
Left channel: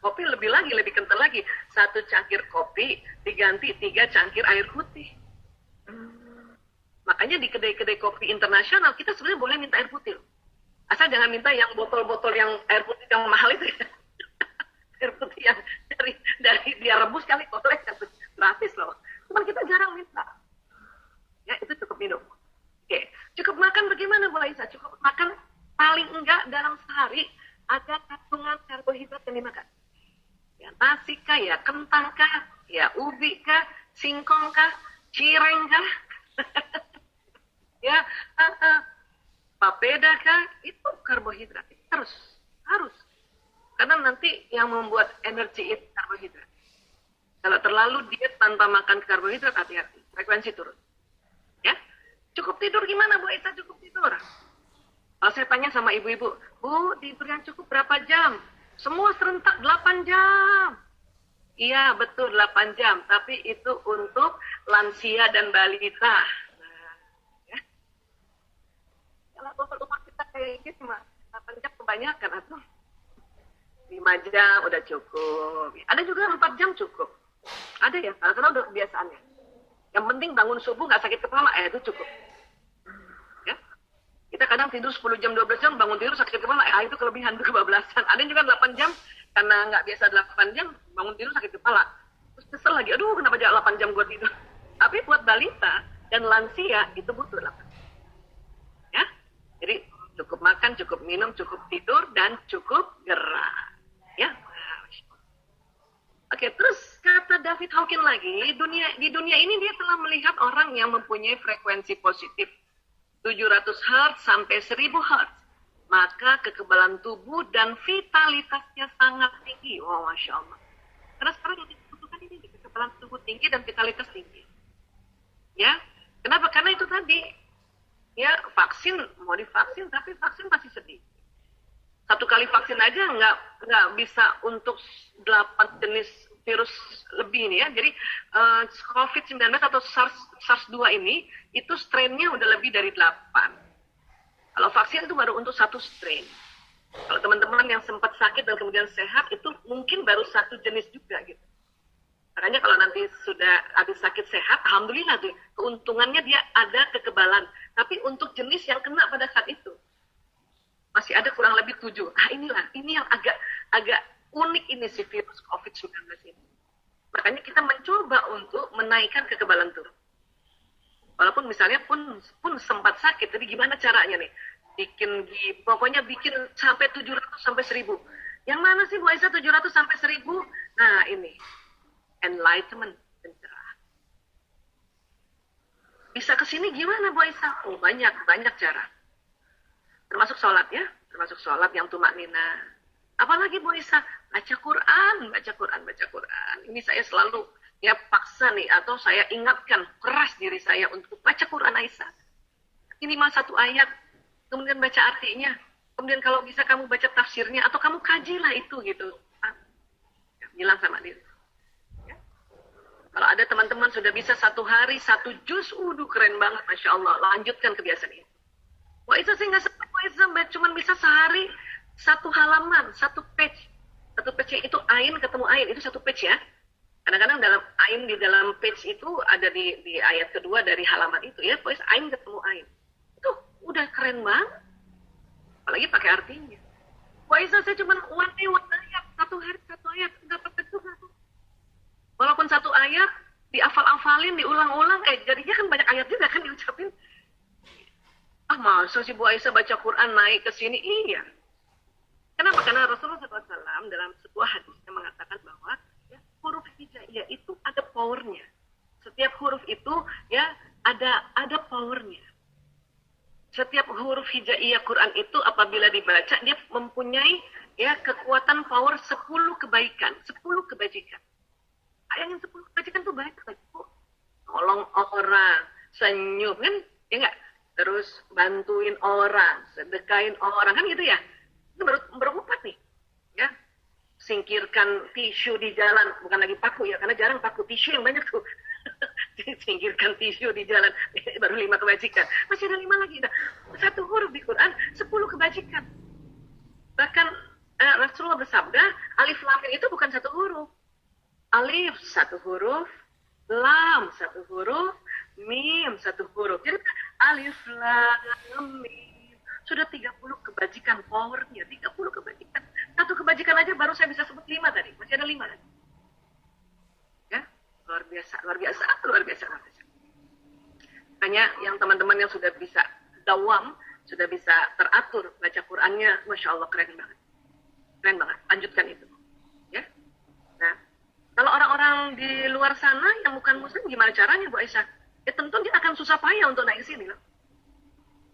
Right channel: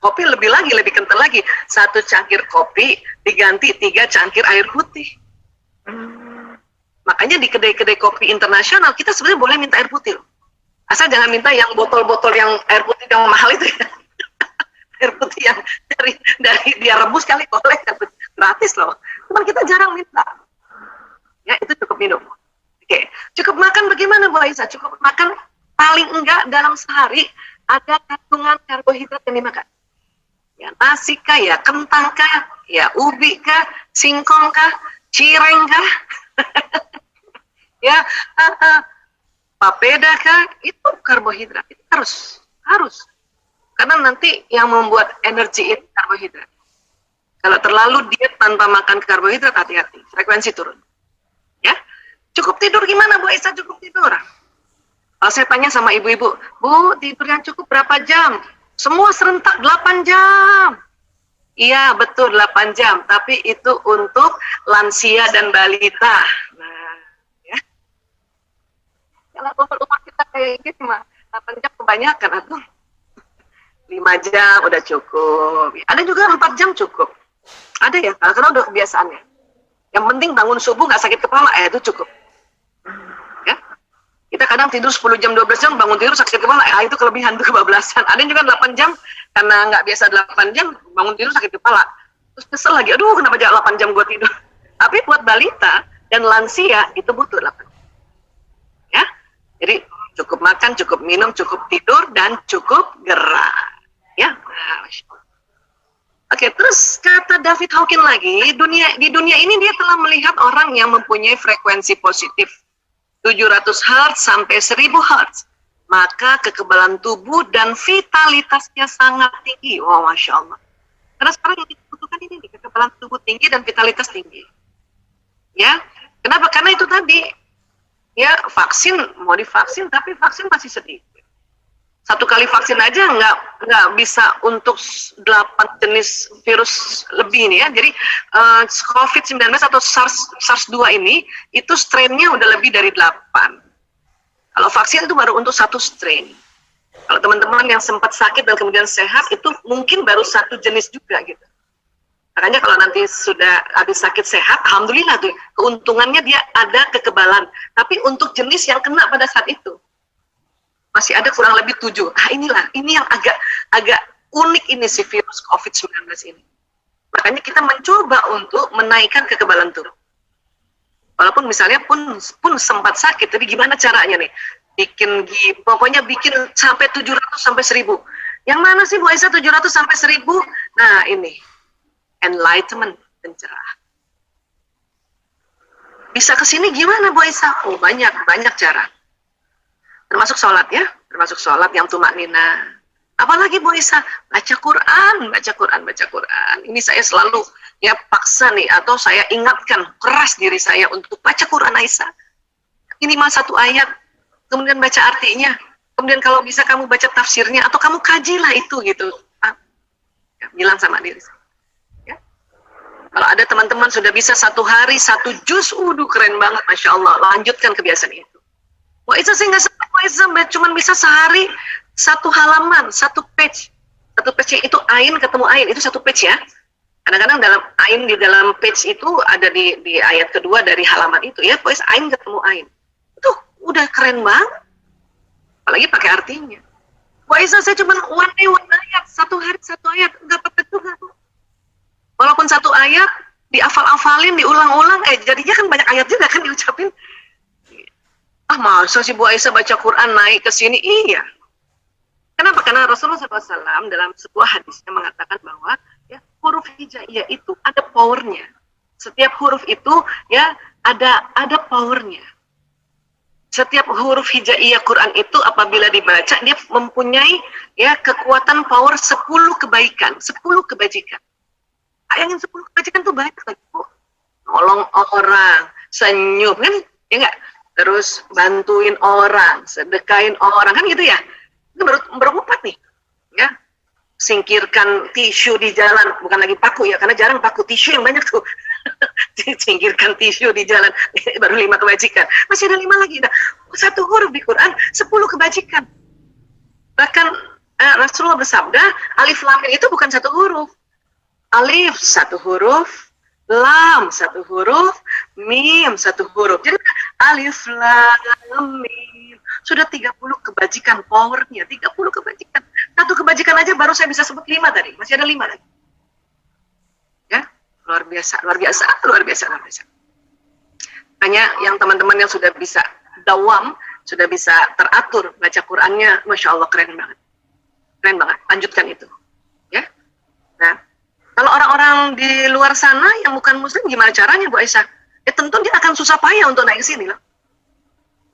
Kopi lebih kental lagi, 1 cangkir kopi diganti 3 cangkir air putih. Makanya di kedai-kedai kopi internasional, kita sebenarnya boleh minta air putih. Asal jangan minta yang botol-botol yang air putih yang mahal itu ya. Air putih yang dari dia rebus kali boleh, gratis loh. Cuman kita jarang minta. Ya, itu cukup minum. Oke, cukup makan bagaimana Bu Aisyah? Cukup makan paling enggak dalam sehari ada kandungan karbohidrat yang dimakan. Ya, nasi kah, ya kentang kah, ya ubi kah, singkong kah, cireng kah? Ya, papeda kah, itu karbohidrat, itu harus, karena nanti yang membuat energi itu karbohidrat. Kalau terlalu diet tanpa makan karbohidrat, hati-hati, frekuensi turun. Ya, cukup tidur gimana Bu Aisyah? Cukup tidur. Kalau saya tanya sama ibu-ibu, Bu, tidur yang cukup berapa jam? Semua serentak 8 jam. Iya, betul 8 jam, tapi itu untuk lansia dan balita. Nah, ya. Kalau umur kita kayak gitu mah 8 jam kebanyakan atau 5 jam udah cukup. Ada juga 4 jam cukup. Ada ya, karena udah kebiasaannya. Yang penting bangun subuh nggak sakit kepala, itu cukup. Ya. Kita kadang tidur 10 jam, 12 jam, bangun tidur sakit kepala, itu kelebihan, itu kebablasan. Ada yang juga 8 jam, karena nggak biasa 8 jam, bangun tidur sakit kepala. Terus kesel lagi, aduh kenapa 8 jam gue tidur. Tapi buat balita dan lansia, itu butuh 8 jam. Ya. Jadi cukup makan, cukup minum, cukup tidur, dan cukup gerak. Ya. Oke, terus kata David Hawkins lagi, di dunia ini dia telah melihat orang yang mempunyai frekuensi positif 700 Hz sampai 1000 Hz. Maka kekebalan tubuh dan vitalitasnya sangat tinggi. Wow, Masya Allah. Karena sekarang yang dibutuhkan ini, kekebalan tubuh tinggi dan vitalitas tinggi. Ya, kenapa? Karena itu tadi, ya vaksin, mau divaksin, tapi vaksin masih sedikit. 1 kali vaksin aja nggak bisa untuk 8 jenis virus lebih ini ya. Jadi COVID-19 atau SARS-2 ini, itu strain-nya udah lebih dari 8. Kalau vaksin itu baru untuk 1 strain. Kalau teman-teman yang sempat sakit dan kemudian sehat, itu mungkin baru 1 jenis juga gitu. Makanya kalau nanti sudah habis sakit sehat, alhamdulillah tuh, keuntungannya dia ada kekebalan. Tapi untuk jenis yang kena pada saat itu, masih ada kurang lebih 7. Ini yang agak unik ini si virus COVID-19 ini. Makanya kita mencoba untuk menaikkan kekebalan tubuh. Walaupun misalnya pun sempat sakit, tapi gimana caranya nih? Pokoknya bikin sampai 700 sampai 1000. Yang mana sih Bu Aisyah 700 sampai 1000? Nah ini, enlightenment, pencerahan. Bisa ke sini gimana Bu Aisyah? Oh banyak cara. Termasuk sholat ya, termasuk sholat yang tumaknina. Apalagi Bu Aisyah, baca Quran. Ini saya selalu ya paksa nih, atau saya ingatkan keras diri saya untuk baca Quran Aisyah. Ini mah 1 ayat, kemudian baca artinya, kemudian kalau bisa kamu baca tafsirnya, atau kamu kajilah itu gitu. Ya, bilang sama diri saya. Ya. Kalau ada teman-teman sudah bisa 1 hari 1 juz, keren banget, Masya Allah. Lanjutkan kebiasaan itu. Wah, itu saya nggak sempat, cuma bisa sehari 1 halaman, 1 page. 1 page itu ain ketemu ain, itu 1 page ya. Kadang-kadang dalam ain di dalam page itu ada di ayat kedua dari halaman itu ya, pokoknya ain ketemu ain. Itu udah keren banget. Apalagi pakai artinya. Wah, saya cuma one ayat, 1 hari 1 ayat, nggak apa-apa juga tuh. Walaupun 1 ayat dihafal-hafalin, diulang-ulang, jadinya kan banyak ayat juga kan diucapin. Masa sih Bu Aisyah baca Quran naik ke sini? Iya. Kenapa? Karena Rasulullah SAW dalam sebuah hadisnya mengatakan bahwa ya, huruf hijaiyah itu ada powernya. Setiap huruf itu ya ada powernya. Setiap huruf hijaiyah Quran itu apabila dibaca, dia mempunyai ya kekuatan power 10 kebaikan, 10 kebajikan. Bayangin 10 kebajikan tuh banyak lagi Bu. Nolong orang, senyum kan, ya enggak? Terus bantuin orang, sedekain orang, kan gitu ya. Itu baru 4 nih. Ya. Singkirkan tisu di jalan, bukan lagi paku ya, karena jarang paku, tisu yang banyak tuh. Singkirkan tisu di jalan, baru 5 kebajikan. Masih ada 5 lagi. Nah, 1 huruf di Quran, 10 kebajikan. Bahkan Rasulullah bersabda, alif lam mim itu bukan 1 huruf. Alif 1 huruf, lam 1 huruf, mim 1 huruf. Jadi alif lam mim sudah 30 kebajikan powernya, 30 kebajikan. 1 kebajikan aja baru saya bisa sebut 5 tadi, masih ada 5 lagi. Ya, luar biasa. Hanya yang teman-teman yang sudah bisa dawam, sudah bisa teratur baca Qurannya, Masya Allah keren banget. Lanjutkan itu. Ya. Nah, kalau orang-orang di luar sana yang bukan muslim gimana caranya Bu Aisyah? Ya tentu dia akan susah payah untuk naik ke sini lah.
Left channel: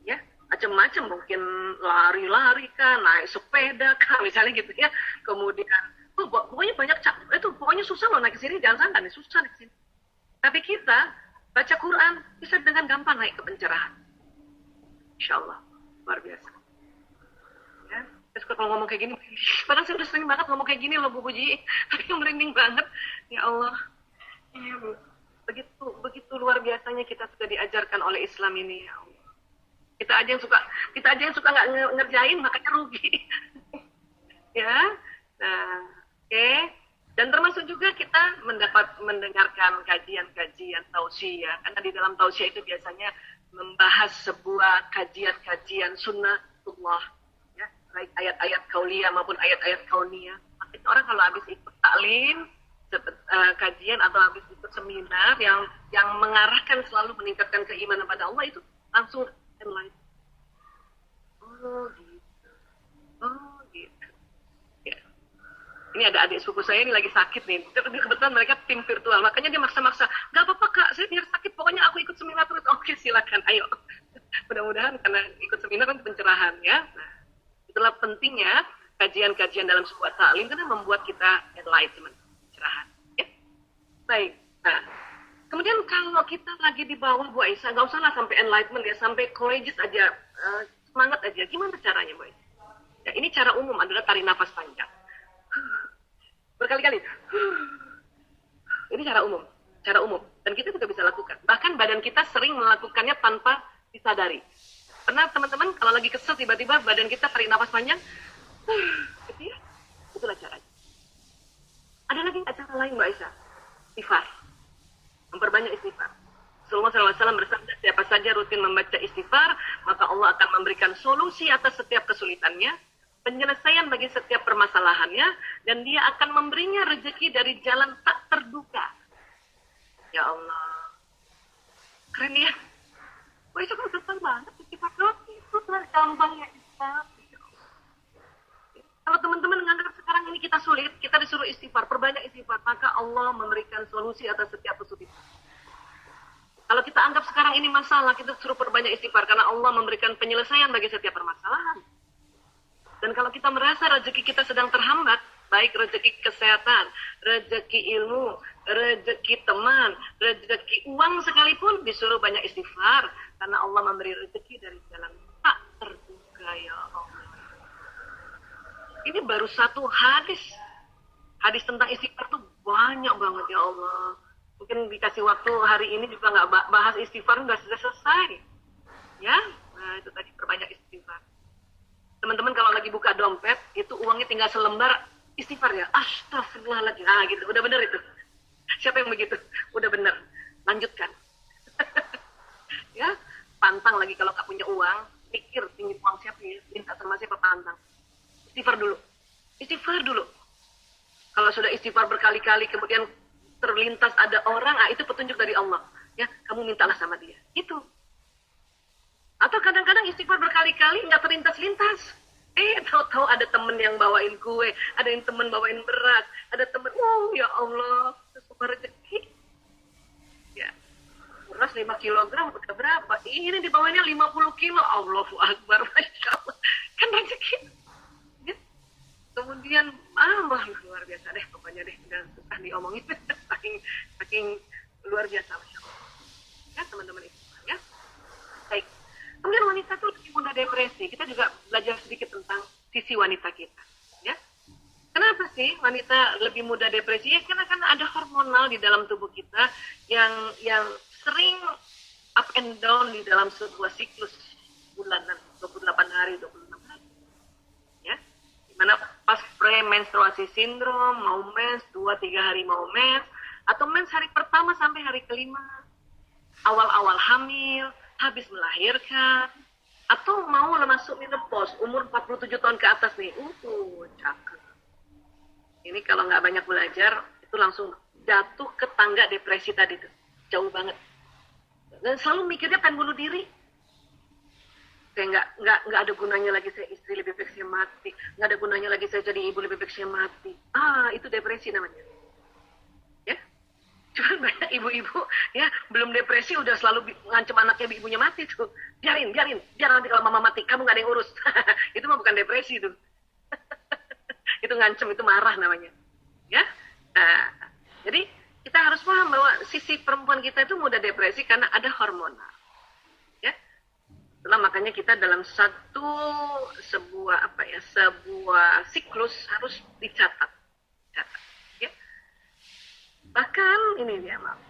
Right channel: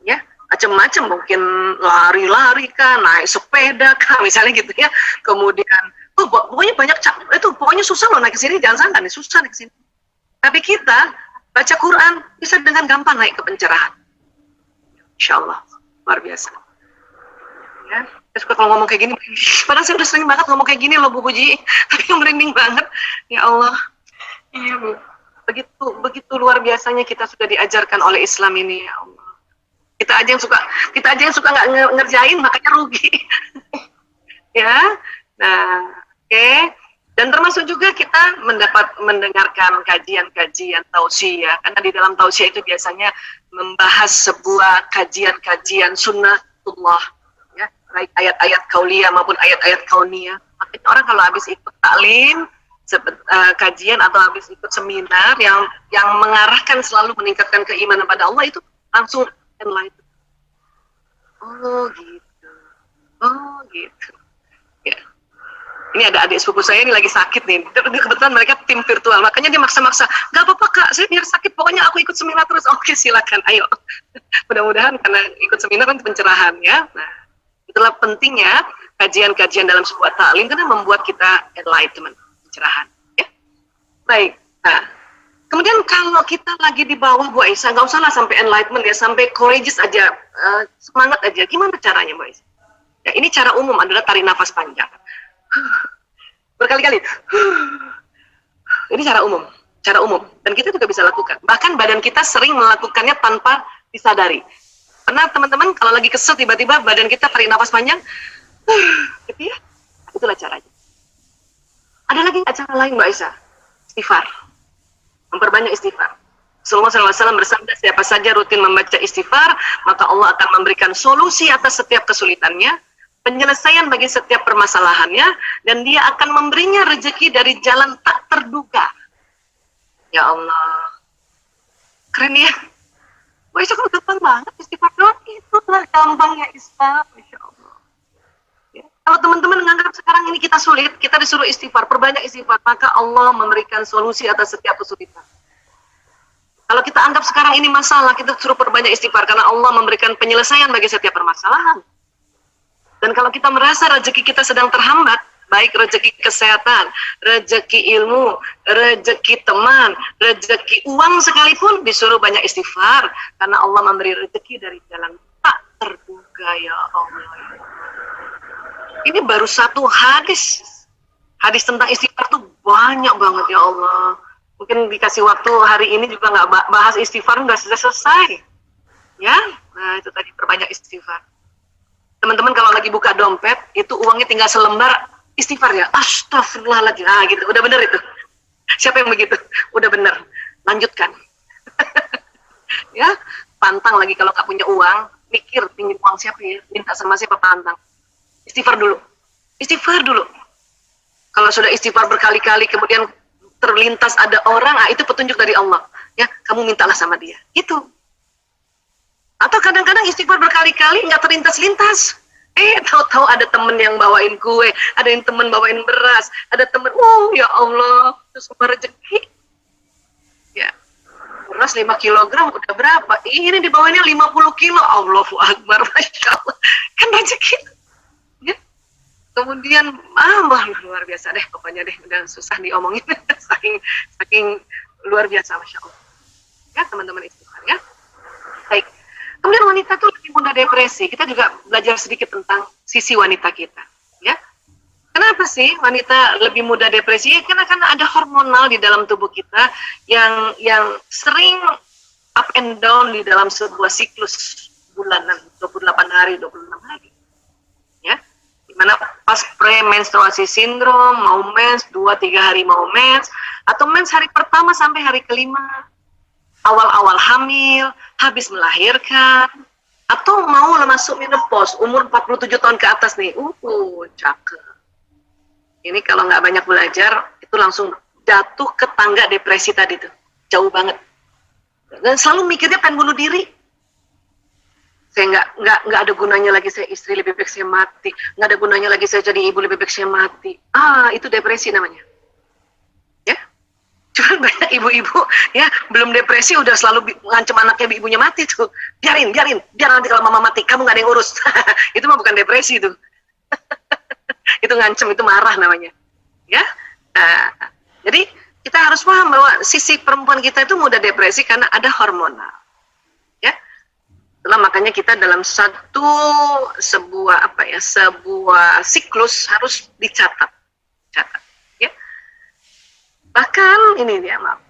Ya, macam-macam, mungkin lari-lari kah, naik sepeda kah, misalnya gitu ya. Kemudian Oh, pokoknya banyak itu pokoknya susah loh naik ke sini, jangan sangka nih susah naik ke sini. Tapi kita baca Quran bisa dengan gampang naik ke pencerahan. Insya Allah, luar biasa. Ya, saya suka kalau ngomong kayak gini, padahal saya udah sering banget ngomong kayak gini loh Bu Puji, tapi yang merinding banget. Ya Allah, iya Bu, begitu luar biasanya kita sudah diajarkan oleh Islam ini, ya Allah. Kita aja yang suka nggak ngerjain, makanya rugi. Ya, nah, oke. Dan termasuk juga kita mendengarkan kajian-kajian tausiah, karena di dalam tausiah itu biasanya membahas sebuah kajian-kajian sunnatullah, ya, baik ayat-ayat kauliyah maupun ayat-ayat kauniyah. Makanya orang kalau habis ikut taklim, kajian atau habis ikut seminar yang mengarahkan selalu meningkatkan keimanan pada Allah, itu langsung enlightened. Oh gitu, oh gitu. Ya. Ini ada adik sepupu saya ini lagi sakit nih. Kebetulan mereka tim virtual, makanya dia maksa-maksa. Gak apa-apa kak, saya biar sakit, pokoknya aku ikut seminar terus. Oke silakan, ayo. Mudah-mudahan karena ikut seminar kan pencerahan ya. Nah, itulah pentingnya kajian-kajian dalam sebuah taklim karena membuat kita enlightenment, pencerahan. Ya? Baik. Nah, kemudian kalau kita lagi di bawah Bu Aisyah, nggak usah lah sampai enlightenment ya, sampai courageous aja, semangat aja. Gimana caranya Bu Aisyah? Ya, ini cara umum adalah tarik nafas panjang. Berkali-kali. Ini cara umum. Dan kita juga bisa lakukan. Bahkan badan kita sering melakukannya tanpa disadari. Pernah teman-teman kalau lagi kesel tiba-tiba badan kita tarik nafas panjang, gitu ya? Itulah caranya. Ada lagi cara lain Mbak Aisyah? Istighfar. Memperbanyak istighfar. Rasulullah SAW bersabda, siapa saja rutin membaca istighfar, maka Allah akan memberikan solusi atas setiap kesulitannya, penyelesaian bagi setiap permasalahannya, dan dia akan memberinya rezeki dari jalan tak terduga. Ya Allah, keren ya. Wah, itu kan gampang banget istighfar doang, itulah gampangnya Islam, Masya Allah. Ya. Kalau teman-teman menganggap sekarang ini kita sulit, kita disuruh istighfar, perbanyak istighfar, maka Allah memberikan solusi atas setiap kesulitan. Kalau kita anggap sekarang ini masalah, kita suruh perbanyak istighfar, karena Allah memberikan penyelesaian bagi setiap permasalahan. Dan kalau kita merasa rezeki kita sedang terhambat, baik rezeki kesehatan, rezeki ilmu, rezeki teman, rezeki uang sekalipun, disuruh banyak istighfar. Karena Allah memberi rezeki dari jalan tak terduga, ya Allah. Ini baru satu hadis. Hadis tentang istighfar tuh banyak banget, ya Allah. Mungkin dikasih waktu hari ini juga nggak bahas istighfar, nggak selesai. Ya, nah itu tadi perbanyak istighfar. Teman-teman kalau lagi buka dompet, itu uangnya tinggal selembar, istighfar ya, astagfirullahaladzim, nah gitu, udah bener itu. Siapa yang begitu? Udah bener, lanjutkan. Ya, pantang lagi kalau nggak punya uang, mikir pinjam uang siapa ya, minta sama siapa, pantang. Istighfar dulu. Kalau sudah istighfar berkali-kali, kemudian terlintas ada orang, itu petunjuk dari Allah. Ya, kamu mintalah sama dia. Itu. Atau kadang-kadang istighfar berkali-kali nggak terlintas-lintas. Tahu-tahu ada temen yang bawain kue, ada yang temen bawain beras, ada temen, ya Allah, itu semua rezeki. Ya, beras 5 kilogram udah berapa? Ini dibawainnya 50 kilo, Allahu Akbar, Masya Allah. Kan rezeki. Ya. Kemudian, luar biasa deh, pokoknya deh, udah susah diomongin, saking luar biasa, Masya Allah. Ya, teman-teman istighfar ya. Baik. Kemudian wanita tuh lebih mudah depresi. Kita juga belajar sedikit tentang sisi wanita kita. Ya, kenapa sih wanita lebih mudah depresi? Ya, karena ada hormonal di dalam tubuh kita yang sering up and down di dalam sebuah siklus bulanan, 28 hari, 26 hari. Ya, dimana pas premenstruasi sindrom, mau mens, 2-3 hari mau mens, atau mens hari pertama sampai hari kelima, awal-awal hamil, habis melahirkan, atau mau masuk menopause, umur 47 tahun ke atas nih, cakep. Ini kalau nggak banyak belajar, itu langsung jatuh ke tangga depresi tadi tuh, jauh banget. Dan selalu mikirnya pengen bunuh diri. Saya nggak ada gunanya lagi saya istri, lebih baik saya mati. Nggak ada gunanya lagi saya jadi ibu, lebih baik saya mati. Itu depresi namanya. Cuma banyak ibu-ibu ya belum depresi udah selalu ngancem anaknya ibunya mati tuh. Biar nanti kalau mama mati kamu nggak ada yang urus. Itu mah bukan depresi itu. Itu ngancem, itu marah namanya. ya. Jadi kita harus paham bahwa sisi perempuan kita itu mudah depresi karena ada hormonal, ya. Itulah makanya kita dalam sebuah siklus harus dicatat, ya. Bahkan ini dia, maaf.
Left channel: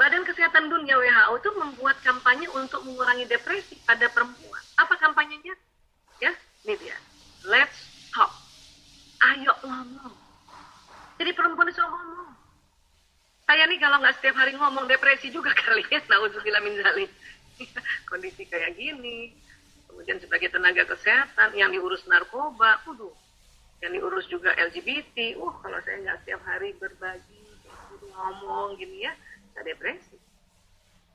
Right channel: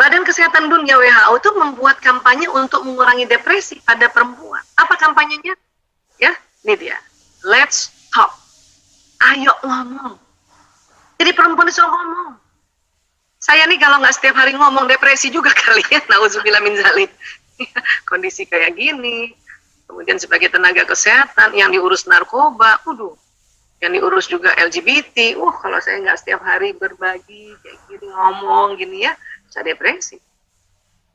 Badan Kesehatan Dunia WHO itu membuat kampanye untuk mengurangi depresi pada perempuan. Apa kampanyenya? Ya, ini dia. Let's talk. Ayo ngomong. Jadi perempuan disuruh ngomong. Saya nih kalau nggak setiap hari ngomong depresi juga kali ya. Nauzubillah min dzalik. Kondisi kayak gini. Kemudian sebagai tenaga kesehatan yang diurus narkoba, yang diurus juga LGBT. Kalau saya nggak setiap hari berbagi kayak gini, ngomong gini ya, bisa depresi.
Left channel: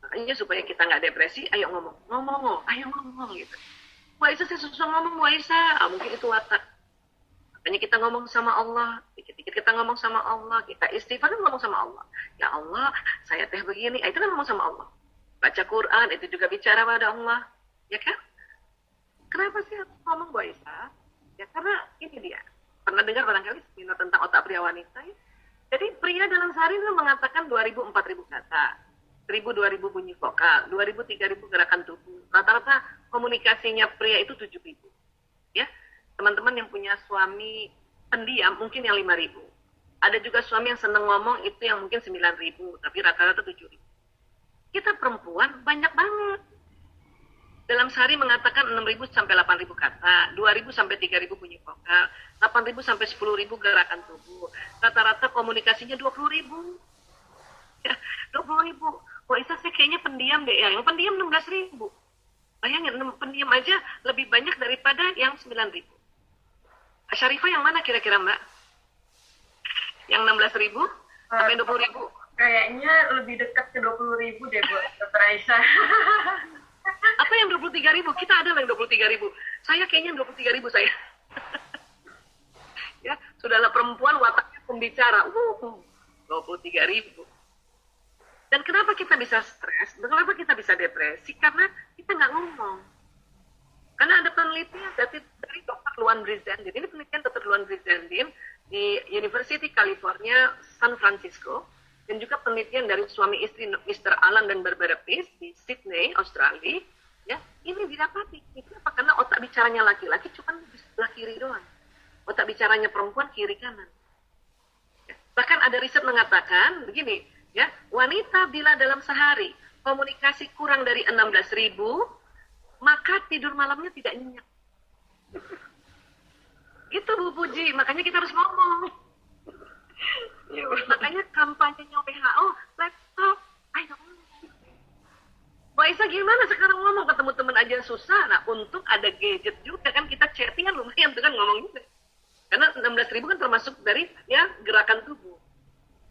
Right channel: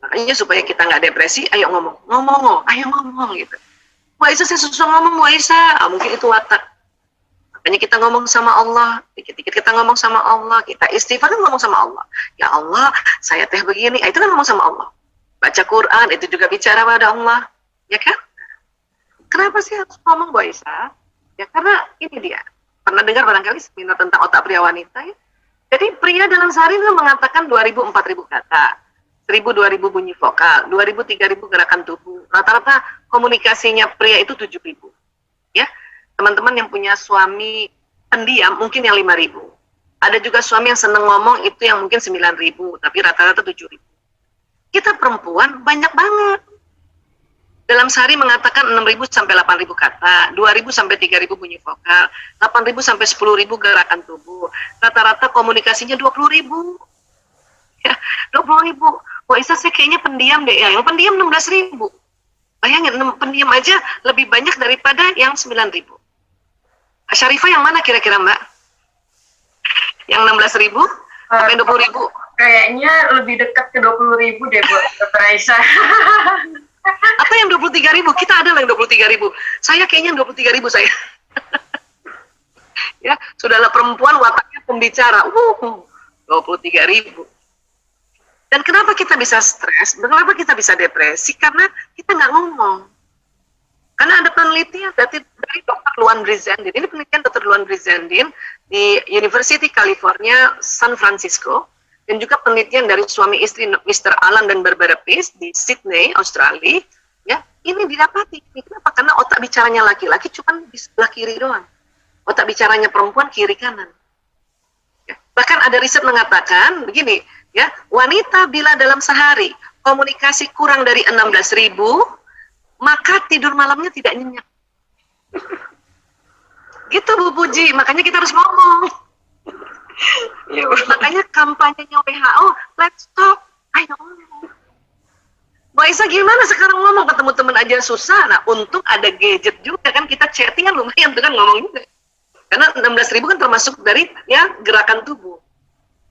Makanya supaya kita nggak depresi, ayo ngomong, ayo ngomong gitu. Wah Isa saya susah ngomong, Wah Isa, mungkin itu watak. Makanya kita ngomong sama Allah, dikit-dikit kita ngomong sama Allah, kita istighfar kan ngomong sama Allah. Ya Allah, saya teh begini, itu kan ngomong sama Allah. Baca Quran, itu juga bicara pada Allah, ya kan? Kenapa sih harus ngomong, Wah Isa? Ya karena ini dia, pernah dengar barangkali seminar tentang otak pria wanita ya? Jadi pria dalam sehari itu mengatakan 2.000-4.000 kata, 1.000-2.000 bunyi vokal, 2.000-3.000 gerakan tubuh. Rata-rata komunikasinya pria itu 7.000. Ya, teman-teman yang punya suami pendiam mungkin yang 5.000. Ada juga suami yang seneng ngomong itu yang mungkin 9.000, tapi rata-rata 7.000. Kita perempuan banyak banget. Dalam sehari mengatakan 6.000 sampai 8.000 kata, 2.000 sampai 3.000 bunyi vokal, 8.000 sampai 10.000 gerakan tubuh. Rata-rata komunikasinya 20.000. Ya, 20.000. Wah Isa saya kayaknya pendiam deh ya. Yang pendiam 16.000. Bayangin, pendiam aja lebih banyak daripada yang 9.000. Syarifah yang mana kira-kira Mbak? Yang 16.000 sampai 20.000? Kayaknya lebih dekat ke 20.000 deh buat Dr. Aisyah. Atau yang 23.000? Kita ada yang 23.000. Saya kayaknya 23.000 saya. Ya, sudahlah perempuan wataknya pembicara. 23.000. Dan kenapa kita bisa stres? Kenapa kita bisa depresi? Karena kita nggak ngomong. Karena ada penelitian dari Dr. Luan Brizendin. Ini penelitian Dr. Luan Brizendin di University California, San Francisco. Dan juga penelitian dari suami istri Mr. Alan dan Barbara Pease di Sydney, Australia. Ya, ini didapati. Kenapa? Karena otak bicaranya laki-laki cuma di sebelah kiri doang. Otak bicaranya perempuan kiri kanan. Ya. Bahkan ada riset mengatakan begini, ya, wanita bila dalam sehari komunikasi kurang dari 16.000, maka tidur malamnya tidak nyenyak. Gitu Bu Puji, makanya kita harus ngomong. Ya, makanya kampanyenya WHO, let's talk, ayo ngomong. Mbak Isa gimana sekarang ngomong, ketemu teman aja susah. Nah untung ada gadget juga kan, kita chattingan lumayan tuh kan ngomong juga. Karena 16.000 kan termasuk dari ya gerakan tubuh.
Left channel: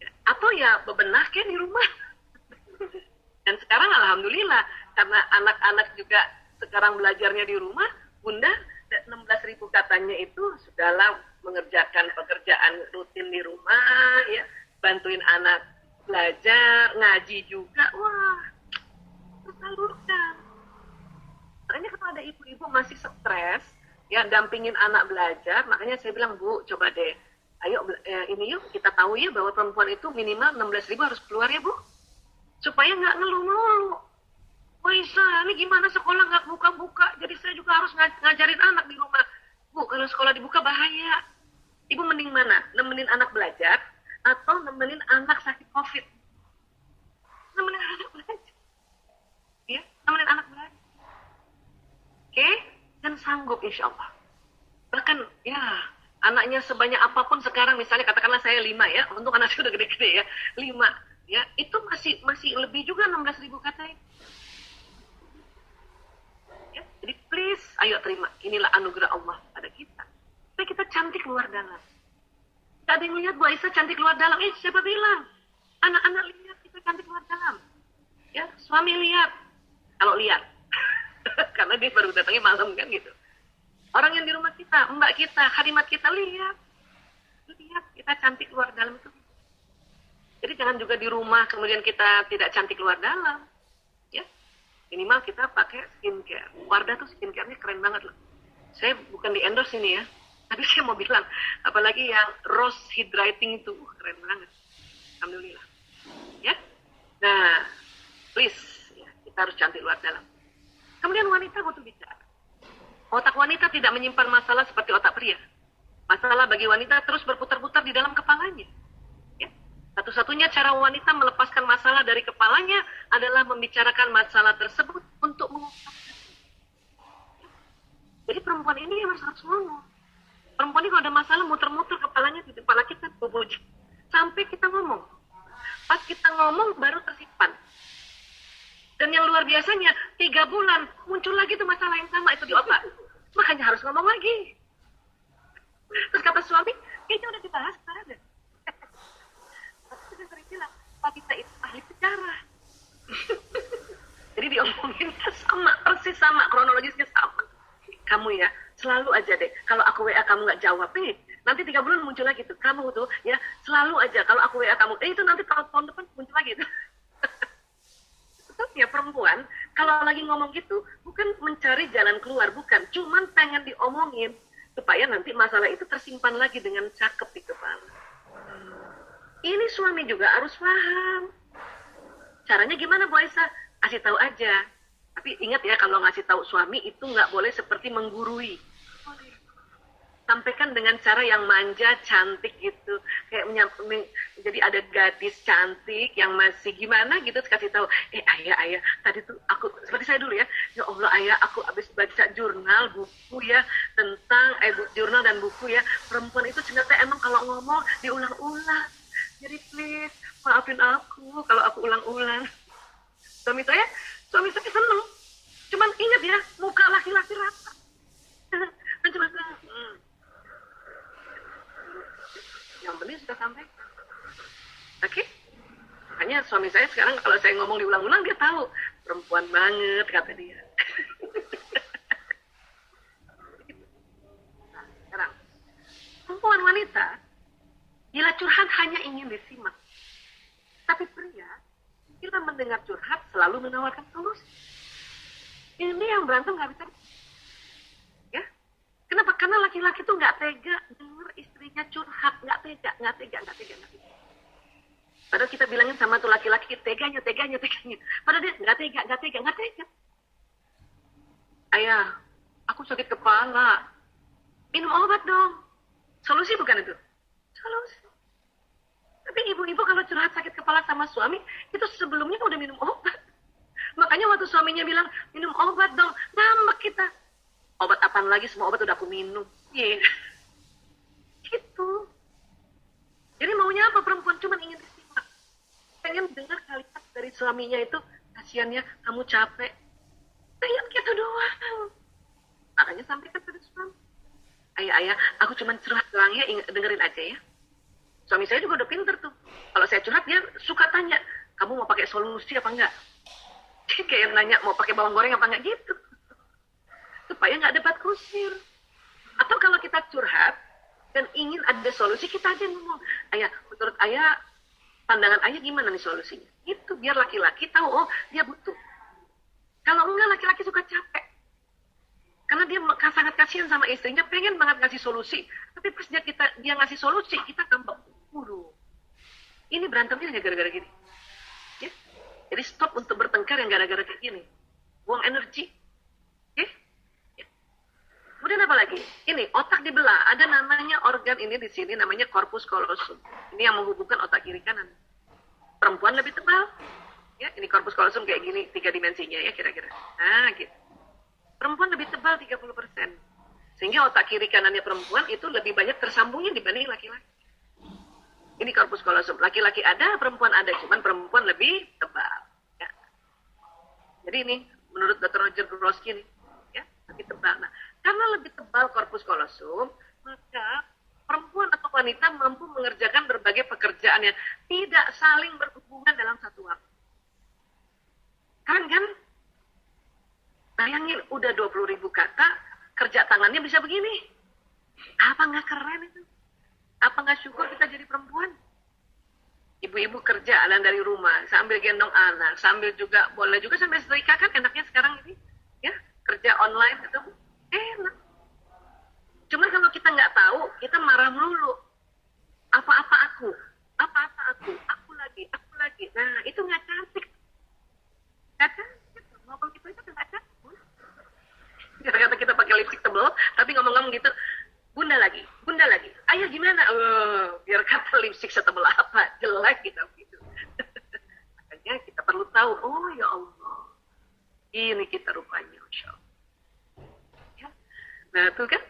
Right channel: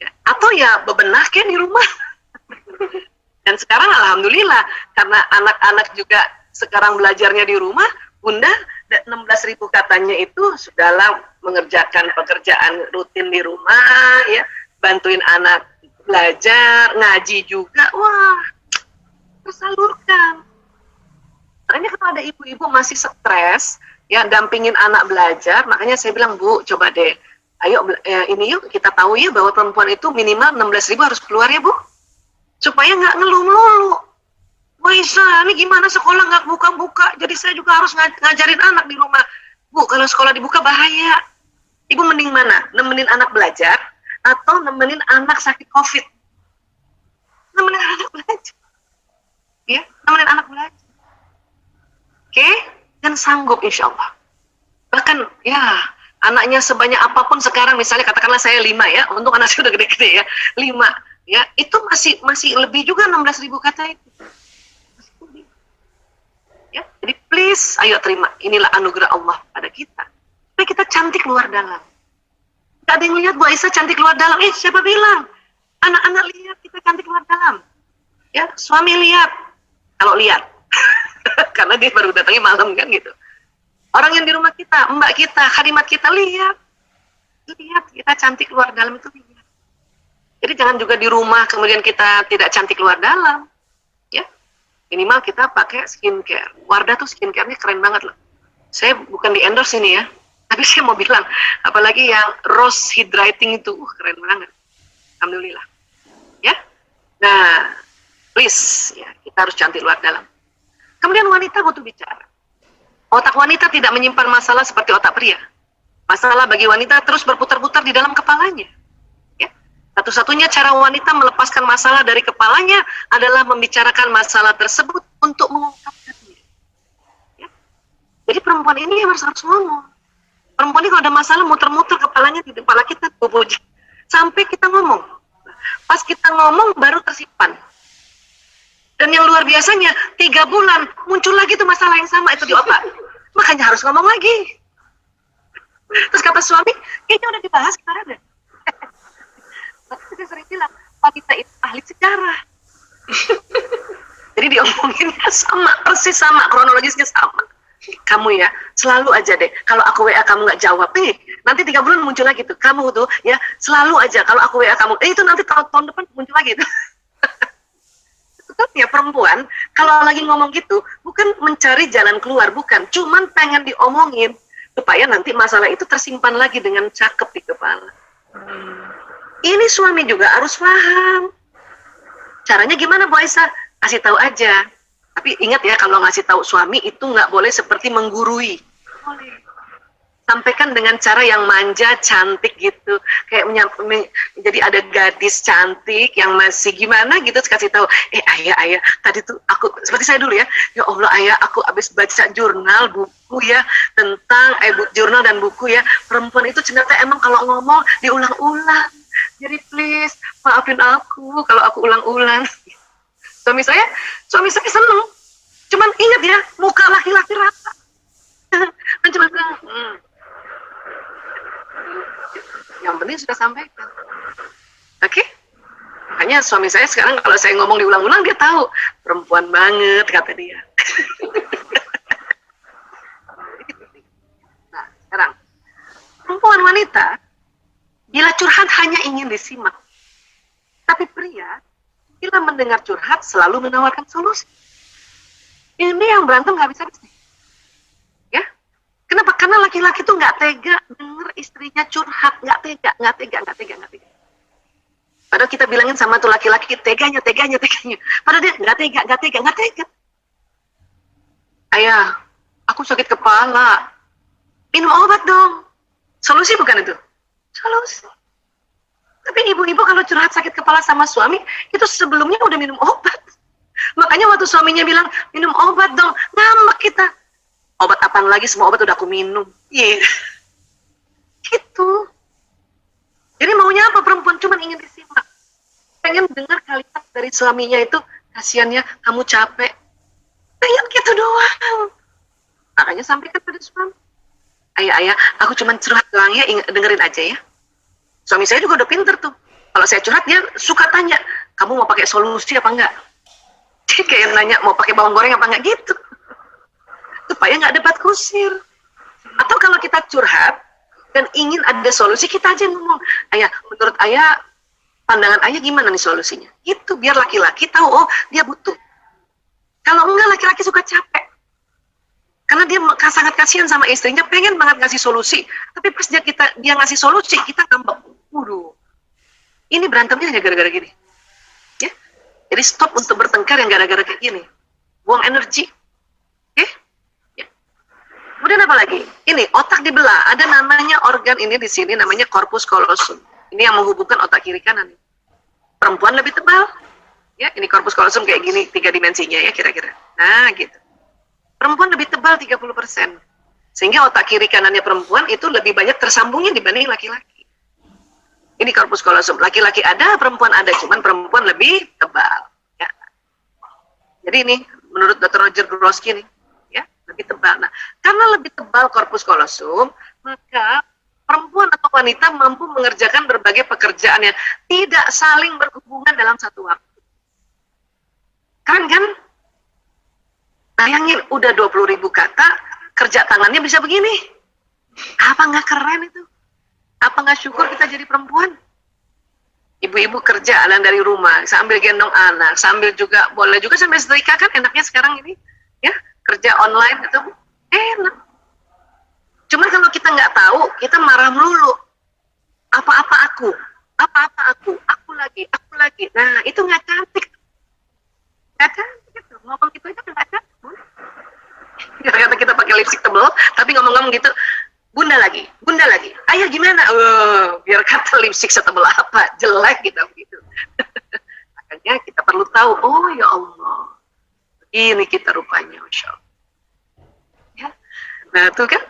Ya, atau ya bebenah kan di rumah. Dan sekarang alhamdulillah karena anak-anak juga sekarang belajarnya di rumah, Bunda 16.000 katanya itu sudahlah mengerjakan pekerjaan rutin di rumah, ya, bantuin anak belajar, ngaji juga, wah, tersalurkan. Makanya kalau ada ibu-ibu masih stres, ya, dampingin anak belajar, makanya saya bilang, Bu, coba deh, ayo ini yuk kita tahu ya bahwa perempuan itu minimal 16.000 harus keluar ya Bu, supaya nggak ngeluh melulu. Wah Isa, ini gimana sekolah nggak buka-buka, jadi saya juga harus ngajarin anak di rumah. Bu, kalau sekolah dibuka bahaya. Ibu mending mana? Nemenin anak belajar atau nemenin anak sakit COVID? Nemenin anak belajar. Ya, nemenin anak belajar. Oke? Dan sanggup insya Allah. Bahkan ya, anaknya sebanyak apapun sekarang, misalnya katakanlah saya 5 ya, untuk anak saya udah gede-gede ya, 5. Ya, itu masih lebih juga 16.000 kata itu. Ya, jadi please, ayo terima. Inilah anugerah Allah pada kita. Supaya kita cantik luar dalam. Gak ada yang lihat Bu Aisyah cantik luar dalam. Siapa bilang? Anak-anak lihat kita cantik luar dalam. Ya, suami lihat. Kalau lihat. Karena dia baru datangnya malam kan gitu. Orang yang di rumah kita, mbak kita, khadimat kita lihat. Lihat kita cantik luar dalam itu lihat. Jadi jangan juga di rumah kemudian kita tidak cantik luar dalam. Ya. Minimal kita pakai skincare. Wardah tuh skincare-nya keren banget loh. Saya bukan di endorse ini ya. Tapi saya mau bilang, apalagi yang rose hydrating itu, keren banget. Alhamdulillah. Ya. Nah, please, ya, kita harus cantik luar dalam. Kemudian wanita butuh bicara. Otak wanita tidak menyimpan masalah seperti otak pria. Masalah bagi wanita terus berputar-putar di dalam kepalanya. Ya. Satu-satunya cara wanita melepaskan masalah dari kepalanya adalah membicarakan masalah tersebut untuk mengungkapkannya. Ya. Jadi perempuan ini harus ngomong. Perempuan ini kalau ada masalah muter-muter kepalanya di kepala kita, sampai kita ngomong. Pas kita ngomong baru tersimpan. Dan yang luar biasanya 3 bulan muncul lagi tuh masalah yang sama itu di otak. Makanya harus ngomong lagi. Terus kata suami, kayaknya udah dibahas kemarin deh. Tapi saya sering bilang, wanita itu ahli sejarah. Jadi diomonginnya sama, persis sama, kronologisnya sama. Kamu ya, selalu aja deh, kalau aku WA kamu nggak jawab, nanti 3 bulan muncul lagi tuh, kamu tuh ya, selalu aja kalau aku WA kamu, itu nanti tahun depan muncul lagi tuh. Sebetulnya perempuan, kalau lagi ngomong gitu, bukan mencari jalan keluar, bukan, cuman pengen diomongin, supaya nanti masalah itu tersimpan lagi dengan cakep di kepala. Ini suami juga harus paham. Caranya gimana Bu Aisyah? Kasih tahu aja. Tapi ingat ya, kalau ngasih tahu suami itu nggak boleh seperti menggurui. Sampaikan dengan cara yang manja, cantik gitu. Kayak jadi ada gadis cantik yang masih gimana gitu, kasih tahu, ayah, tadi tuh aku, seperti saya dulu ya, ya Allah ayah, aku habis baca jurnal, buku ya, tentang, jurnal dan buku ya, perempuan itu ternyata emang kalau ngomong diulang-ulang. Jadi please, maafin aku kalau aku ulang-ulang. Suami saya seneng. Cuman ingat ya, muka laki-laki rata. Dan cuma yang penting sudah sampaikan. Oke? Makanya suami saya sekarang kalau saya ngomong diulang-ulang, dia tahu. Perempuan banget, kata dia. Nah, sekarang. Perempuan wanita, bila curhat hanya ingin disimak. Tapi pria, bila mendengar curhat selalu menawarkan solusi. Ini yang berantem nggak bisa. Ya, kenapa? Karena laki-laki tuh nggak tega denger istrinya curhat, nggak tega. Padahal kita bilangin sama tuh laki-laki teganya. Padahal dia nggak tega. Ayah, aku sakit kepala. Minum obat dong. Solusi bukan itu? Solusi. Tapi ibu-ibu kalau curhat sakit kepala sama suami, itu sebelumnya udah minum obat. Makanya waktu suaminya bilang, minum obat dong, ngambek kita. Obat apaan lagi, semua obat udah aku minum. Iya. Gitu. Jadi maunya apa perempuan? Cuman ingin disimak. Pengen dengar kalimat dari suaminya itu, kasihannya kamu capek. Pengen gitu doang. Makanya sampaikan pada suami. Ayah, aku cuman curhat doang ya, dengerin aja ya. Suami saya juga udah pinter tuh. Kalau saya curhat, dia suka tanya, kamu mau pakai solusi apa enggak? Dia kayak nanya, mau pakai bawang goreng apa enggak gitu. Supaya nggak debat kusir. Atau kalau kita curhat, dan ingin ada solusi, kita aja ngomong, ayah, menurut ayah, pandangan ayah gimana nih solusinya? Itu biar laki-laki tahu, oh dia butuh. Kalau enggak, laki-laki suka capek. Karena dia sangat kasihan sama istrinya, pengen banget ngasih solusi. Tapi pas dia ngasih solusi, kita ngambek. Waduh, ini berantemnya hanya gara-gara gini. Ya? Jadi stop untuk bertengkar yang gara-gara kayak gini. Buang energi. Oke? Ya. Kemudian apa lagi? Ini, otak dibelah. Ada namanya organ ini di sini, namanya corpus callosum. Ini yang menghubungkan otak kiri kanan. Perempuan lebih tebal. Ya, ini corpus callosum kayak gini, 3 dimensinya ya kira-kira. Nah, gitu. Perempuan lebih tebal 30%. Sehingga otak kiri kanannya perempuan itu lebih banyak tersambungnya dibanding laki-laki. Ini corpus callosum. Laki-laki ada, perempuan ada. Cuman perempuan lebih tebal. Ya. Jadi ini, menurut Dr. Roger Grosky nih, ya, lebih tebal. Nah, karena lebih tebal corpus callosum, maka perempuan atau wanita mampu mengerjakan berbagai pekerjaan yang tidak saling berhubungan dalam satu waktu. Keren kan? Bayangin, udah 20.000 kata, kerja tangannya bisa begini. Apa nggak keren itu? Apa nggak syukur kita jadi perempuan? Ibu-ibu kerja dari rumah, sambil gendong anak, sambil juga, boleh juga sambil setrika kan enaknya sekarang ini. Ya, kerja online itu enak. Cuman kalau kita nggak tahu, kita marah melulu. Apa-apa aku lagi. Nah, itu nggak cantik. Nggak cantik gitu. Ngomong gitu aja nggak cantik. Kata kita pakai lipstick tebal, tapi ngomong-ngomong gitu, bunda lagi. Ayah gimana? Biar kata lipstick setebal apa, jelek gitu. Makanya kita perlu tahu, oh ya Allah, ini kita rupanya, Masya Allah. Ya. Nah itu kan,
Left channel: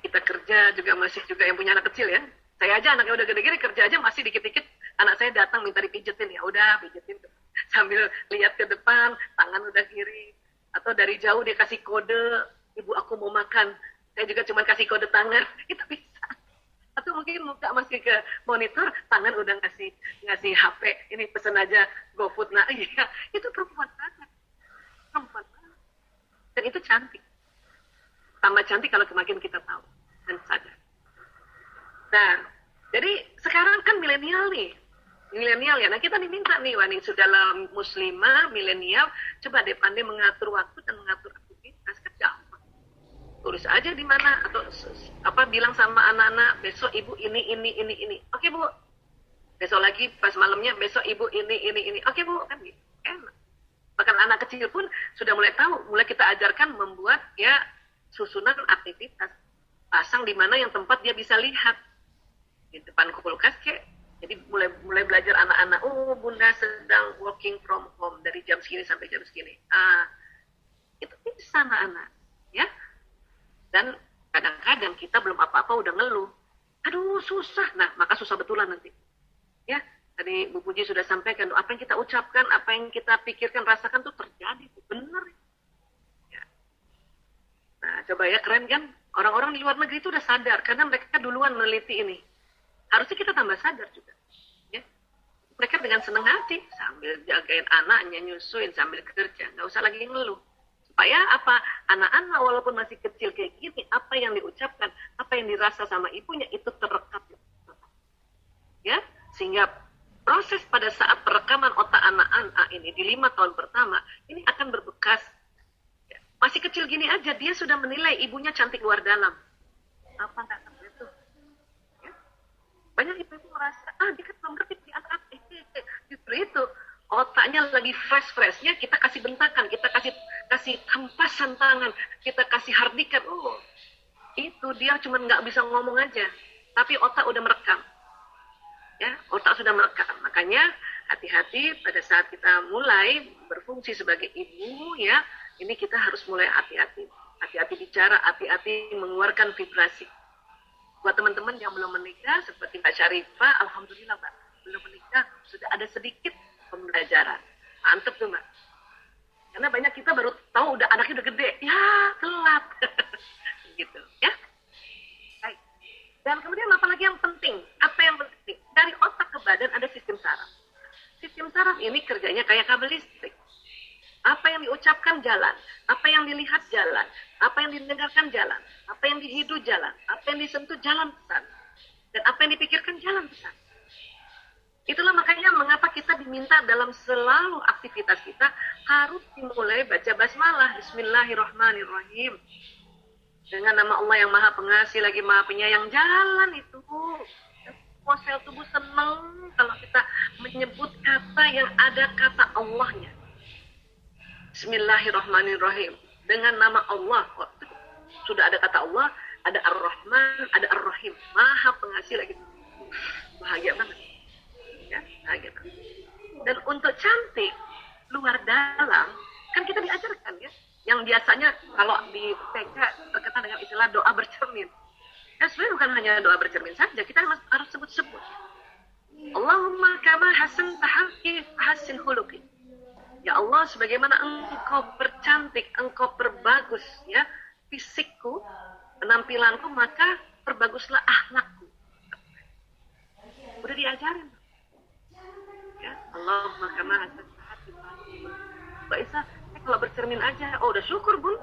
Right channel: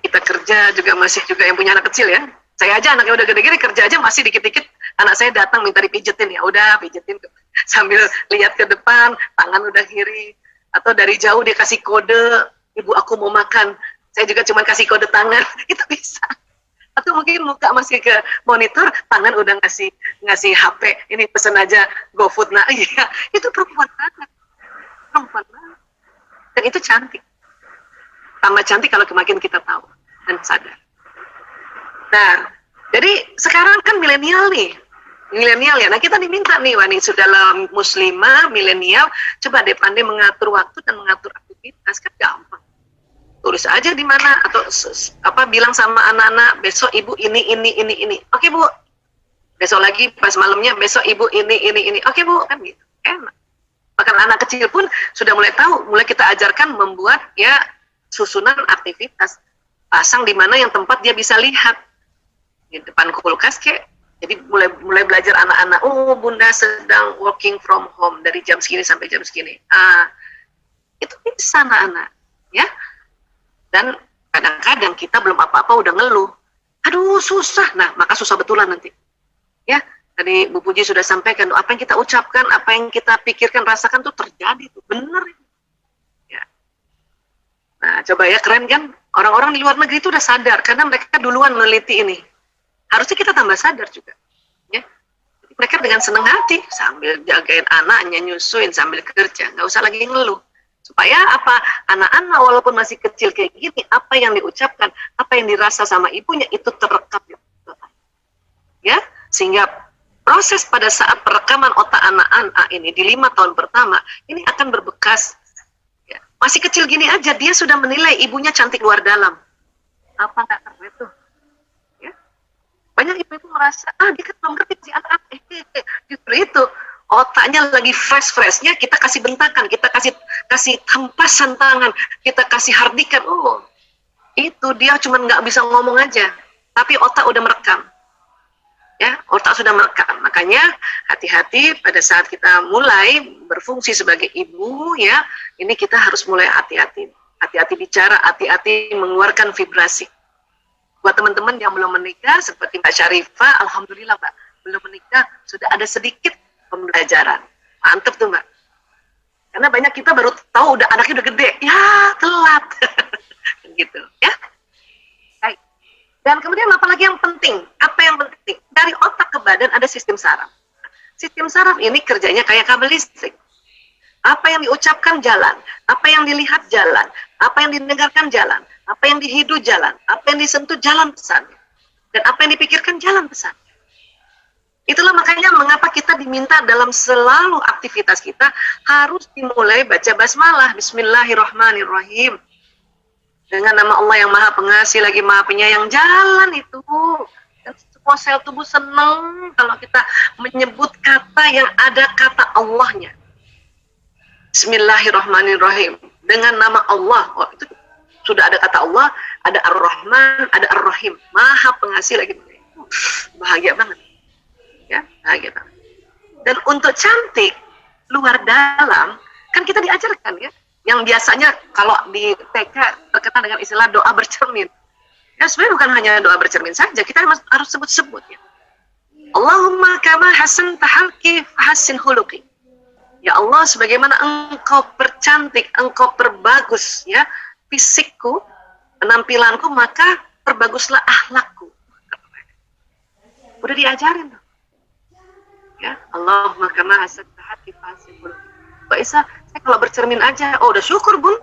kita kerja juga masih juga yang punya anak kecil ya. Saya aja anaknya udah gede-gede, kerja aja masih dikit-dikit anak saya datang minta dipijetin, ya udah pijetin sambil lihat ke depan, tangan udah kiri, atau dari jauh dia kasih kode, ibu aku mau makan, saya juga cuma kasih kode tangan, itu bisa. Atau mungkin muka masih ke monitor, tangan udah ngasih HP, ini pesen aja GoFood. Nah iya, itu perempuan banget. Dan itu cantik. Tambah cantik kalau makin kita tahu dan sadar. Nah, jadi sekarang kan milenial ya. Nah kita diminta nih, wani sudah muslimah, milenial, coba deh pandai mengatur waktu dan mengatur aktivitas, kan gampang. Tulis aja di mana atau bilang sama anak-anak, besok ibu ini. Oke bu. Besok lagi pas malamnya, besok ibu ini. Oke bu, kan gitu. Enak. Bahkan anak kecil pun sudah mulai tahu, mulai kita ajarkan membuat ya susunan aktivitas. Pasang di mana yang tempat dia bisa lihat. Di depan kulkas kek. Jadi mulai belajar anak-anak, oh bunda sedang working from home dari jam segini sampai jam segini. Itu bisa anak-anak, ya. Dan kadang-kadang kita belum apa-apa udah ngeluh. Aduh susah, nah maka susah betulan nanti. Ya, tadi Bu Puji sudah sampaikan, apa yang kita ucapkan, apa yang kita pikirkan, rasakan tuh terjadi, tuh bener. Ya. Nah coba ya, keren kan? Orang-orang di luar negeri itu udah sadar, karena mereka duluan meneliti ini. Harusnya kita tambah sadar juga. Ya. Mereka dengan senang hati, sambil jagain anaknya, nyusuin, sambil kerja, nggak usah lagi ngeluh. Supaya apa? Anak-anak walaupun masih kecil kayak gini, apa yang diucapkan, apa yang dirasa sama ibunya, itu terekam. Ya, sehingga proses pada saat perekaman otak anak-anak ini di 5 tahun pertama, ini akan berbekas. Ya. Masih kecil gini aja, dia sudah menilai ibunya cantik luar dalam. Apa nggak keren tuh? Ya. Banyak ibu-ibu merasa, dia kan belum ngerti si anak. Justru itu. Otaknya lagi fresh-freshnya, kita kasih bentakan, kita kasih hempasan tangan, kita kasih hardikan. Oh, itu dia cuma nggak bisa ngomong aja, tapi otak udah merekam. Ya, otak sudah merekam. Makanya hati-hati pada saat kita mulai berfungsi sebagai ibu, ya, ini kita harus mulai hati-hati. Hati-hati bicara, hati-hati mengeluarkan vibrasi. Buat teman-teman yang belum menikah, seperti Mbak Syarifah, alhamdulillah Mbak, belum menikah, sudah ada sedikit pembelajaran. Mantep tuh Mbak. Karena banyak kita baru tahu udah anaknya udah gede. Ya, telat. Gitu, ya. Baik. Dan kemudian apa lagi yang penting? Apa yang penting? Dari otak ke badan ada sistem saraf. Sistem saraf ini kerjanya kayak kabel listrik. Apa yang diucapkan jalan, apa yang dilihat jalan, apa yang didengarkan jalan, apa yang dihidu jalan, apa yang disentuh jalan pesan. Dan apa yang dipikirkan jalan pesan. Itulah makanya mengapa kita diminta dalam selalu aktivitas kita harus dimulai baca basmalah, bismillahirrahmanirrahim. Dengan nama Allah yang maha pengasih lagi maha penyayang, jalan itu. Dan semua sel tubuh senang kalau kita menyebut kata yang ada kata Allahnya. Bismillahirrahmanirrahim. Dengan nama Allah, itu sudah ada kata Allah, ada Ar-Rahman, ada Ar-Rahim. Maha pengasih lagi. Bahagia banget. Ya, bahagia banget. Dan untuk cantik luar dalam, kan kita diajarkan ya, yang biasanya kalau di TK terkenal dengan istilah doa bercermin. Ya sebenarnya bukan hanya doa bercermin saja, kita harus sebut-sebut ya. Allahumma kama hasan tahalki fahasin huluki. Ya Allah, sebagaimana engkau percantik, engkau perbagus ya fisikku, penampilanku, maka perbaguslah akhlakku. Udah diajarin tuh. Ya, Allahumma kama hasan tahalki fahasin huluki. Mbak Isa, saya kalau bercermin aja, oh udah syukur bun.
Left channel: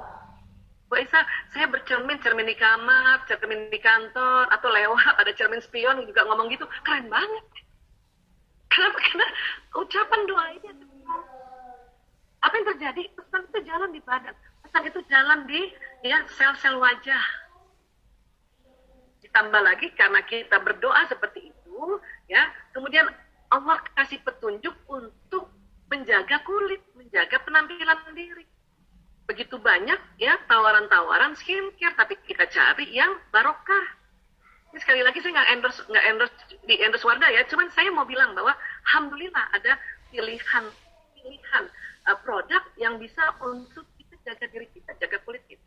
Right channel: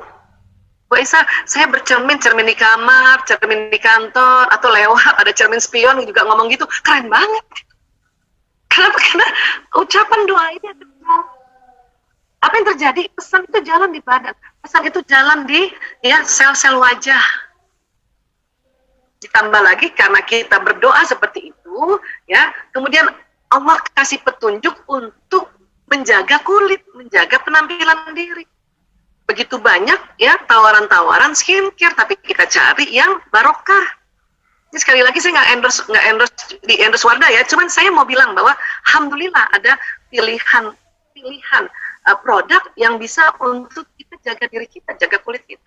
Mbak Isa, saya bercermin, cermin di kamar, cermin di kantor, atau lewat ada cermin spion juga ngomong gitu, keren banget. Kenapa? Karena ucapan doa ini apa yang terjadi? Pesan itu jalan di badan, pesan itu jalan di ya sel-sel wajah. Ditambah lagi karena kita berdoa seperti itu, ya, kemudian Allah kasih petunjuk untuk menjaga kulit, menjaga penampilan diri. Begitu banyak ya tawaran-tawaran skincare, tapi kita cari yang barokah. Ini sekali lagi saya nggak endorse Wardah ya, cuman saya mau bilang bahwa alhamdulillah ada pilihan produk yang bisa untuk kita jaga diri kita, jaga kulit kita.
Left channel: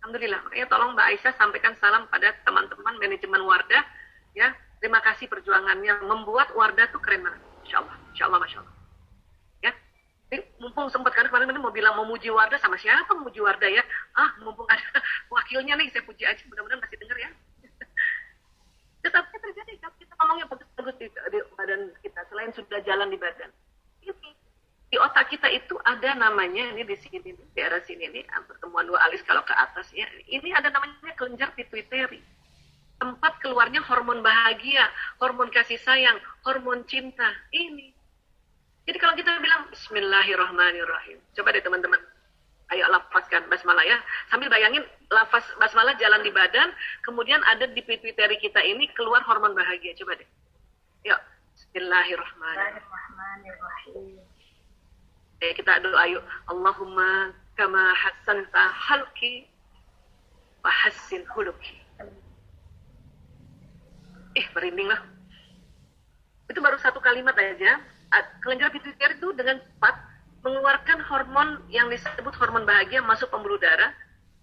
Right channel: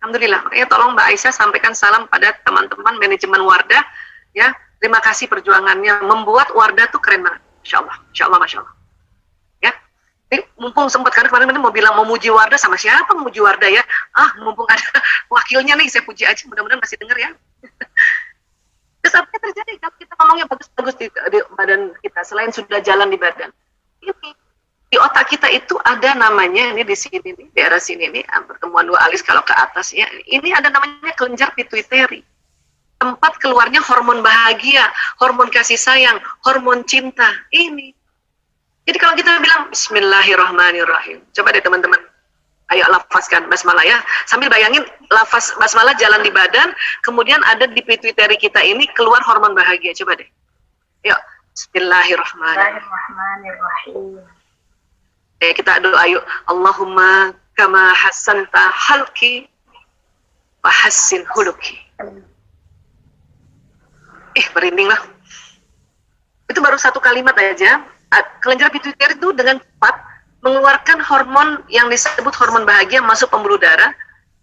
Alhamdulillah. Makanya tolong Mbak Aisyah sampaikan salam pada teman-teman manajemen Wardah ya. Terima kasih perjuangannya membuat Wardah tuh keren banget. Insya Allah, Masya Allah. Ya. Jadi, mumpung sempat karena kemarin mau bilang mau muji Wardah, sama siapa memuji Wardah ya? Mumpung ada wakilnya nih, saya puji aja, mudah-mudahan masih dengar ya. Terus apa yang terjadi kalau kita ngomongnya bagus-bagus di badan kita, selain sudah jalan di badan? Ini di otak kita itu ada namanya, ini di sini nih, daerah sini nih, pertemuan dua alis kalau ke atas ya, ini ada namanya kelenjar pituitari, tempat keluarnya hormon bahagia, hormon kasih sayang, hormon cinta. Ini jadi kalau kita bilang Bismillahirrahmanirrahim, coba deh teman-teman, ayo lafazkan basmalah ya, sambil bayangin lafaz basmalah jalan di badan, kemudian ada di pituitari kita ini keluar hormon bahagia. Coba deh, yuk. Bismillahirrahmanirrahim. Kita doa yuk. Allahumma kama hassanta halki wa hassin huluki. Merinding lah. Itu baru satu kalimat aja. Kelenjar pituitari itu dengan cepat mengeluarkan hormon yang disebut hormon bahagia, masuk pembuluh darah,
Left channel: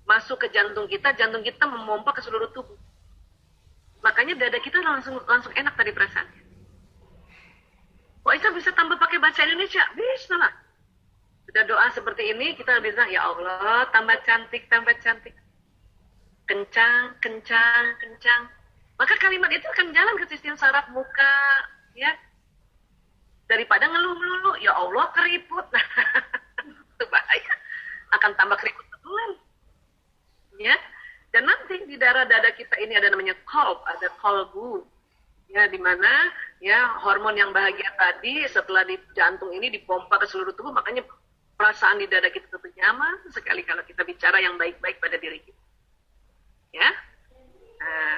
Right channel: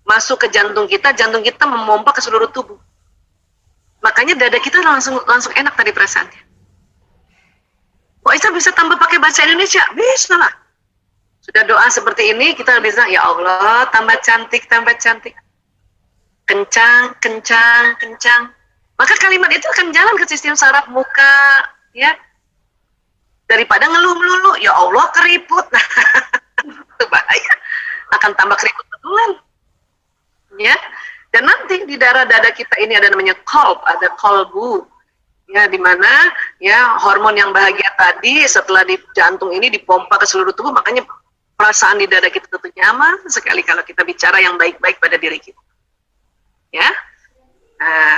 masuk ke jantung kita memompa ke seluruh tubuh. Makanya dada kita langsung enak tadi perasaannya. Kok Isa bisa tambah pakai bahasa Indonesia? Bisa lah. Sudah doa seperti ini, kita bisa, ya Allah, tambah cantik. Kencang. Maka kalimat itu akan jalan ke sistem saraf muka, ya. Daripada ngeluh melulu, ya Allah keriput. Itu bahaya. Akan tambah keriput betulan. Ya. Dan nanti di darah dada kita ini ada namanya qalb, ada qalbu. Ya, di mana ya hormon yang bahagia tadi setelah di jantung ini dipompa ke seluruh tubuh, makanya perasaan di dada kita tentu nyaman sekali kalau kita bicara yang baik-baik pada diri kita. Ya.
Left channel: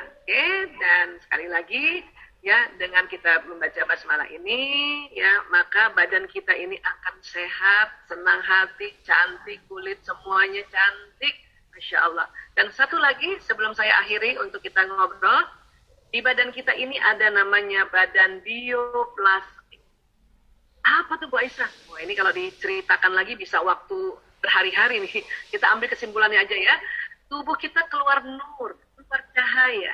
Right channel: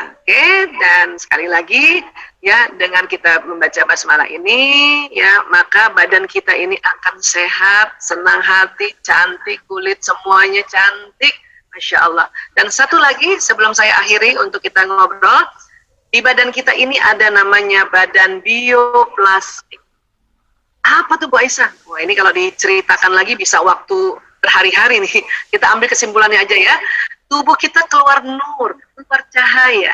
Oke, dan sekali lagi ya, dengan kita membaca basmalah ini ya, maka badan kita ini akan sehat, senang hati, cantik, kulit semuanya cantik, Masya Allah. Dan satu lagi sebelum saya akhiri untuk kita ngobrol, di badan kita ini ada namanya badan bioplastik. Apa tuh Bu Aisyah? Wah, ini kalau diceritakan lagi bisa waktu berhari-hari nih. Kita ambil kesimpulannya aja ya. Tubuh kita keluar nur, keluar cahaya.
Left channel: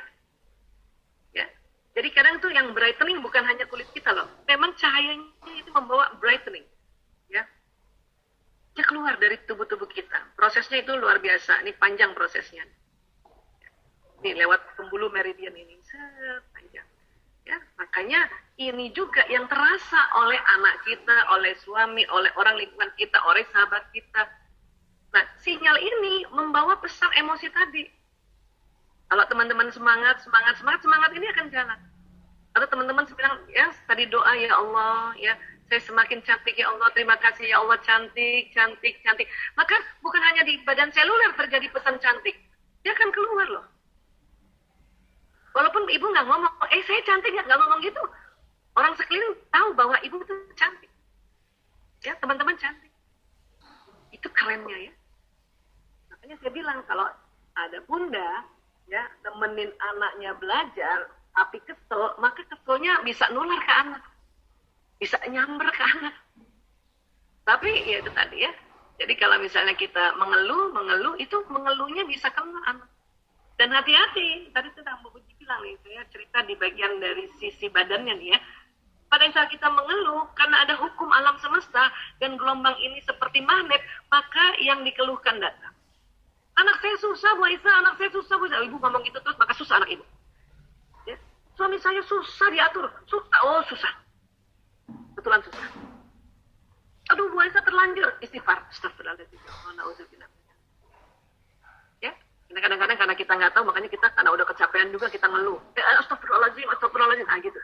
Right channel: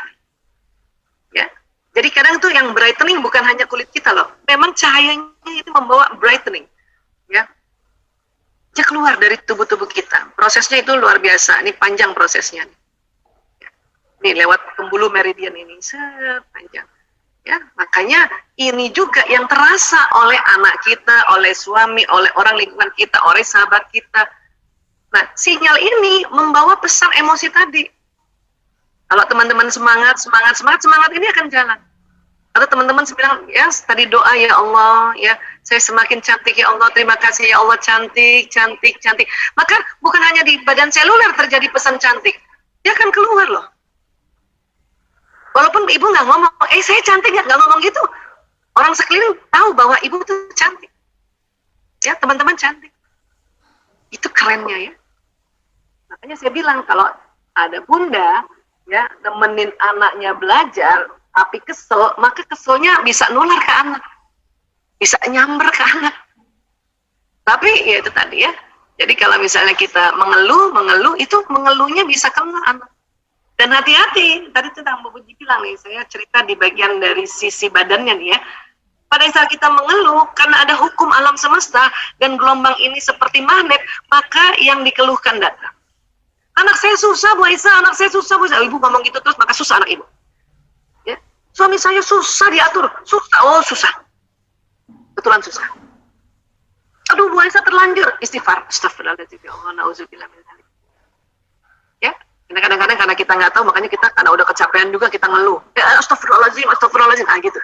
Ya. Jadi kadang tuh yang brightening bukan hanya kulit kita loh. Memang cahayanya itu membawa brightening. Ya. Dia keluar dari tubuh-tubuh kita. Prosesnya itu luar biasa. Ini panjang prosesnya. Nih lewat pembuluh meridian ini, sepanjang. Ya, makanya ini juga yang terasa oleh anak kita, oleh suami, oleh orang lingkungan kita, oleh sahabat kita. Nah, sinyal ini membawa pesan emosi tadi. Kalau teman-teman semangat ini akan jalan. Atau teman-teman bilang, ya tadi doa ya Allah, ya saya semakin cantik ya Allah, terima kasih ya Allah, cantik. Maka bukan hanya di badan seluler terjadi pesan cantik, dia akan keluar loh. Walaupun ibu nggak ngomong, saya cantik nggak ngomong gitu. Orang sekeliling tahu bahwa ibu tuh cantik. Ya, teman-teman cantik. Itu kerennya ya. Makanya saya bilang kalau ada bunda ya nemenin anaknya belajar, tapi kesel, maka keselnya bisa nular ke anak. Bisa nyamber ke anak. Tapi ya itu tadi ya. Jadi kalau misalnya kita mengeluh, itu mengeluhnya bisa kena anak. Dan hati-hati, tadi tentang Bu Puji bilang nih, saya cerita di bagian dari sisi badannya nih ya. Pada saat kita mengeluh, karena ada hukum alam semesta, dan gelombang ini seperti magnet, maka yang dikeluhkan datang. Anak saya susah, Bu Aisyah, anak saya susah, Bu Aisyah. Ibu ngomong gitu terus, maka susah anak ibu. Ya. Suami saya susah diatur, susah. Betulan susah. Aduh, Bu Aisyah terlanjur. Istighfar, astagfirullahaladzim, ya Allah, na'udzubillah min dzalik. Ya. Karena kadang-kadang karena kita nggak tahu, makanya kita karena udah kecapean juga kita ngeluh. Ya, astagfirullahaladzim, gitu.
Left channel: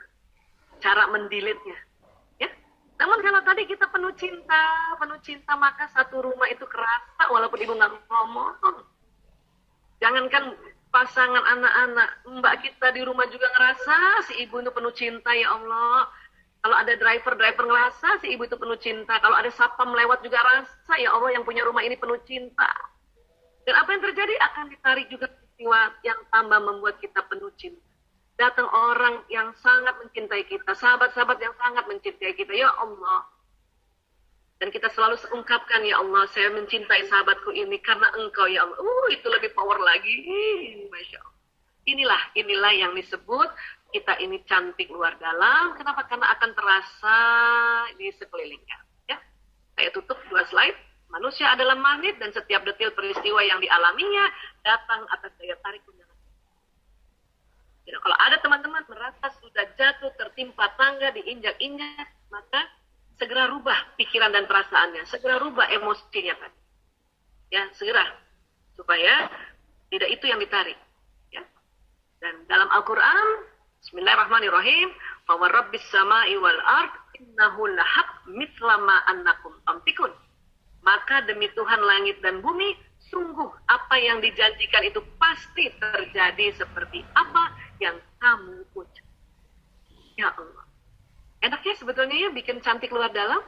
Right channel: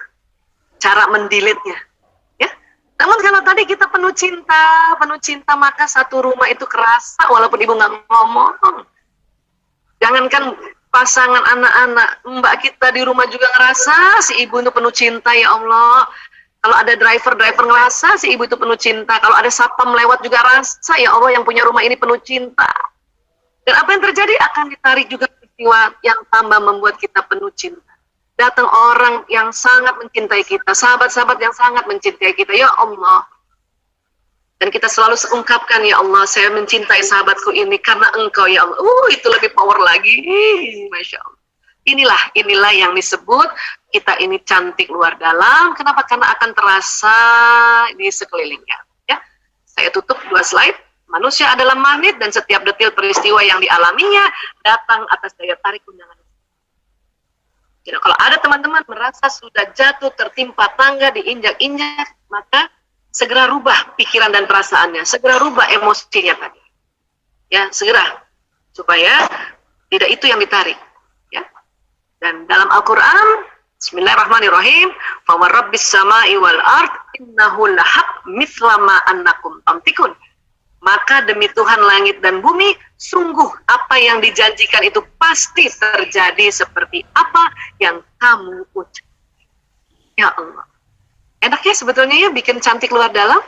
Cara mendelete-nya. Ya. Namun kalau tadi kita penuh cinta, maka satu rumah itu kerasa walaupun ibu nggak ngomong. Jangankan pasangan, anak-anak, mbak kita di rumah juga ngerasa si ibu itu penuh cinta, ya Allah. Kalau ada driver ngerasa si ibu itu penuh cinta. Kalau ada satpam lewat juga rasa, ya Allah, yang punya rumah ini penuh cinta. Dan apa yang terjadi akan ditarik juga peristiwa yang tambah membuat kita penuh cinta. Datang orang yang sangat mencintai kita, sahabat-sahabat yang sangat mencintai kita, ya Allah. Dan kita selalu ungkapkan, ya Allah, saya mencintai sahabatku ini karena Engkau, ya Allah. Itu lebih power lagi. Masya Allah. Inilah yang disebut kita ini cantik luar dalam. Kenapa? Karena akan terasa di sekelilingnya. Ya, saya tutup 2 slide. Manusia adalah magnet dan setiap detil peristiwa yang dialaminya datang atas daya tarik undangan. Jadi kalau ada teman-teman merasa sudah jatuh, tertimpa tangga, diinjak-injak, maka segera rubah pikiran dan perasaannya, segera rubah emosinya tadi. Ya, segera. Supaya tidak itu yang ditarik. Ya. Dan dalam Al-Quran, Bismillahirrahmanirrahim, fa warabbis samai wal ard innahu lahaq mithla ma annakum tamtikun. Maka demi Tuhan langit dan bumi, sungguh apa yang dijanjikan itu pasti terjadi seperti apa yang kamu ucap. Ya Allah. Enaknya sebetulnya ya bikin cantik luar dalam.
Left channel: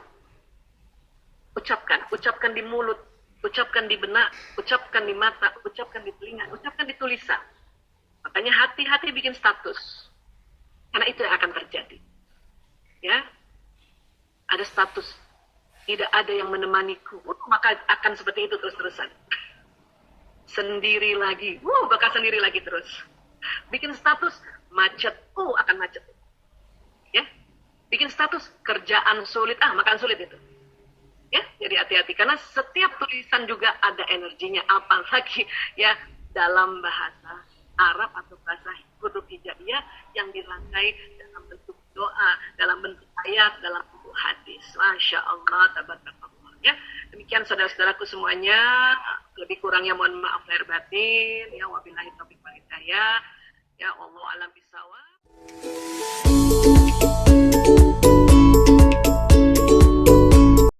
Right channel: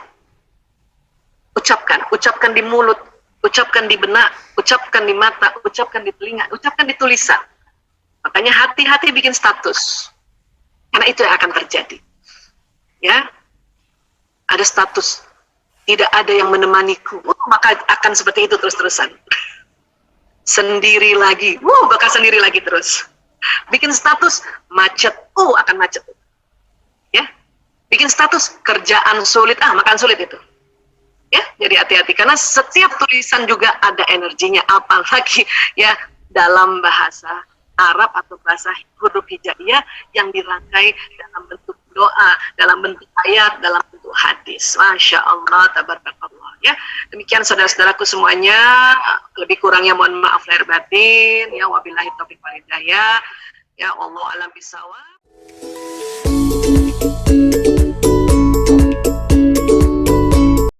Ucapkan di mulut, ucapkan di benak, ucapkan di mata, ucapkan di telinga, ucapkan di tulisan. Makanya hati-hati bikin status. Karena itu yang akan terjadi. Ya. Ada status. Tidak ada yang menemaniku, maka akan seperti itu terus-terusan. Sendiri lagi, bakal sendiri lagi terus. Bikin status macet, akan macet. Ya, bikin status kerjaan sulit, makan sulit itu. Ya, jadi hati-hati karena setiap tulisan juga ada energinya, apalagi ya dalam bahasa Arab atau bahasa huruf hijaiyah yang dirangkai dalam bentuk doa, dalam bentuk ayat, dalam bentuk hadis. Masya Allah, tabarakallah. Ya, demikian saudara-saudaraku semuanya. Lebih kurangnya mohon maaf lahir batin. Ya, wabillahi taufiq wal hidayah. Ya Allah alam bisawab.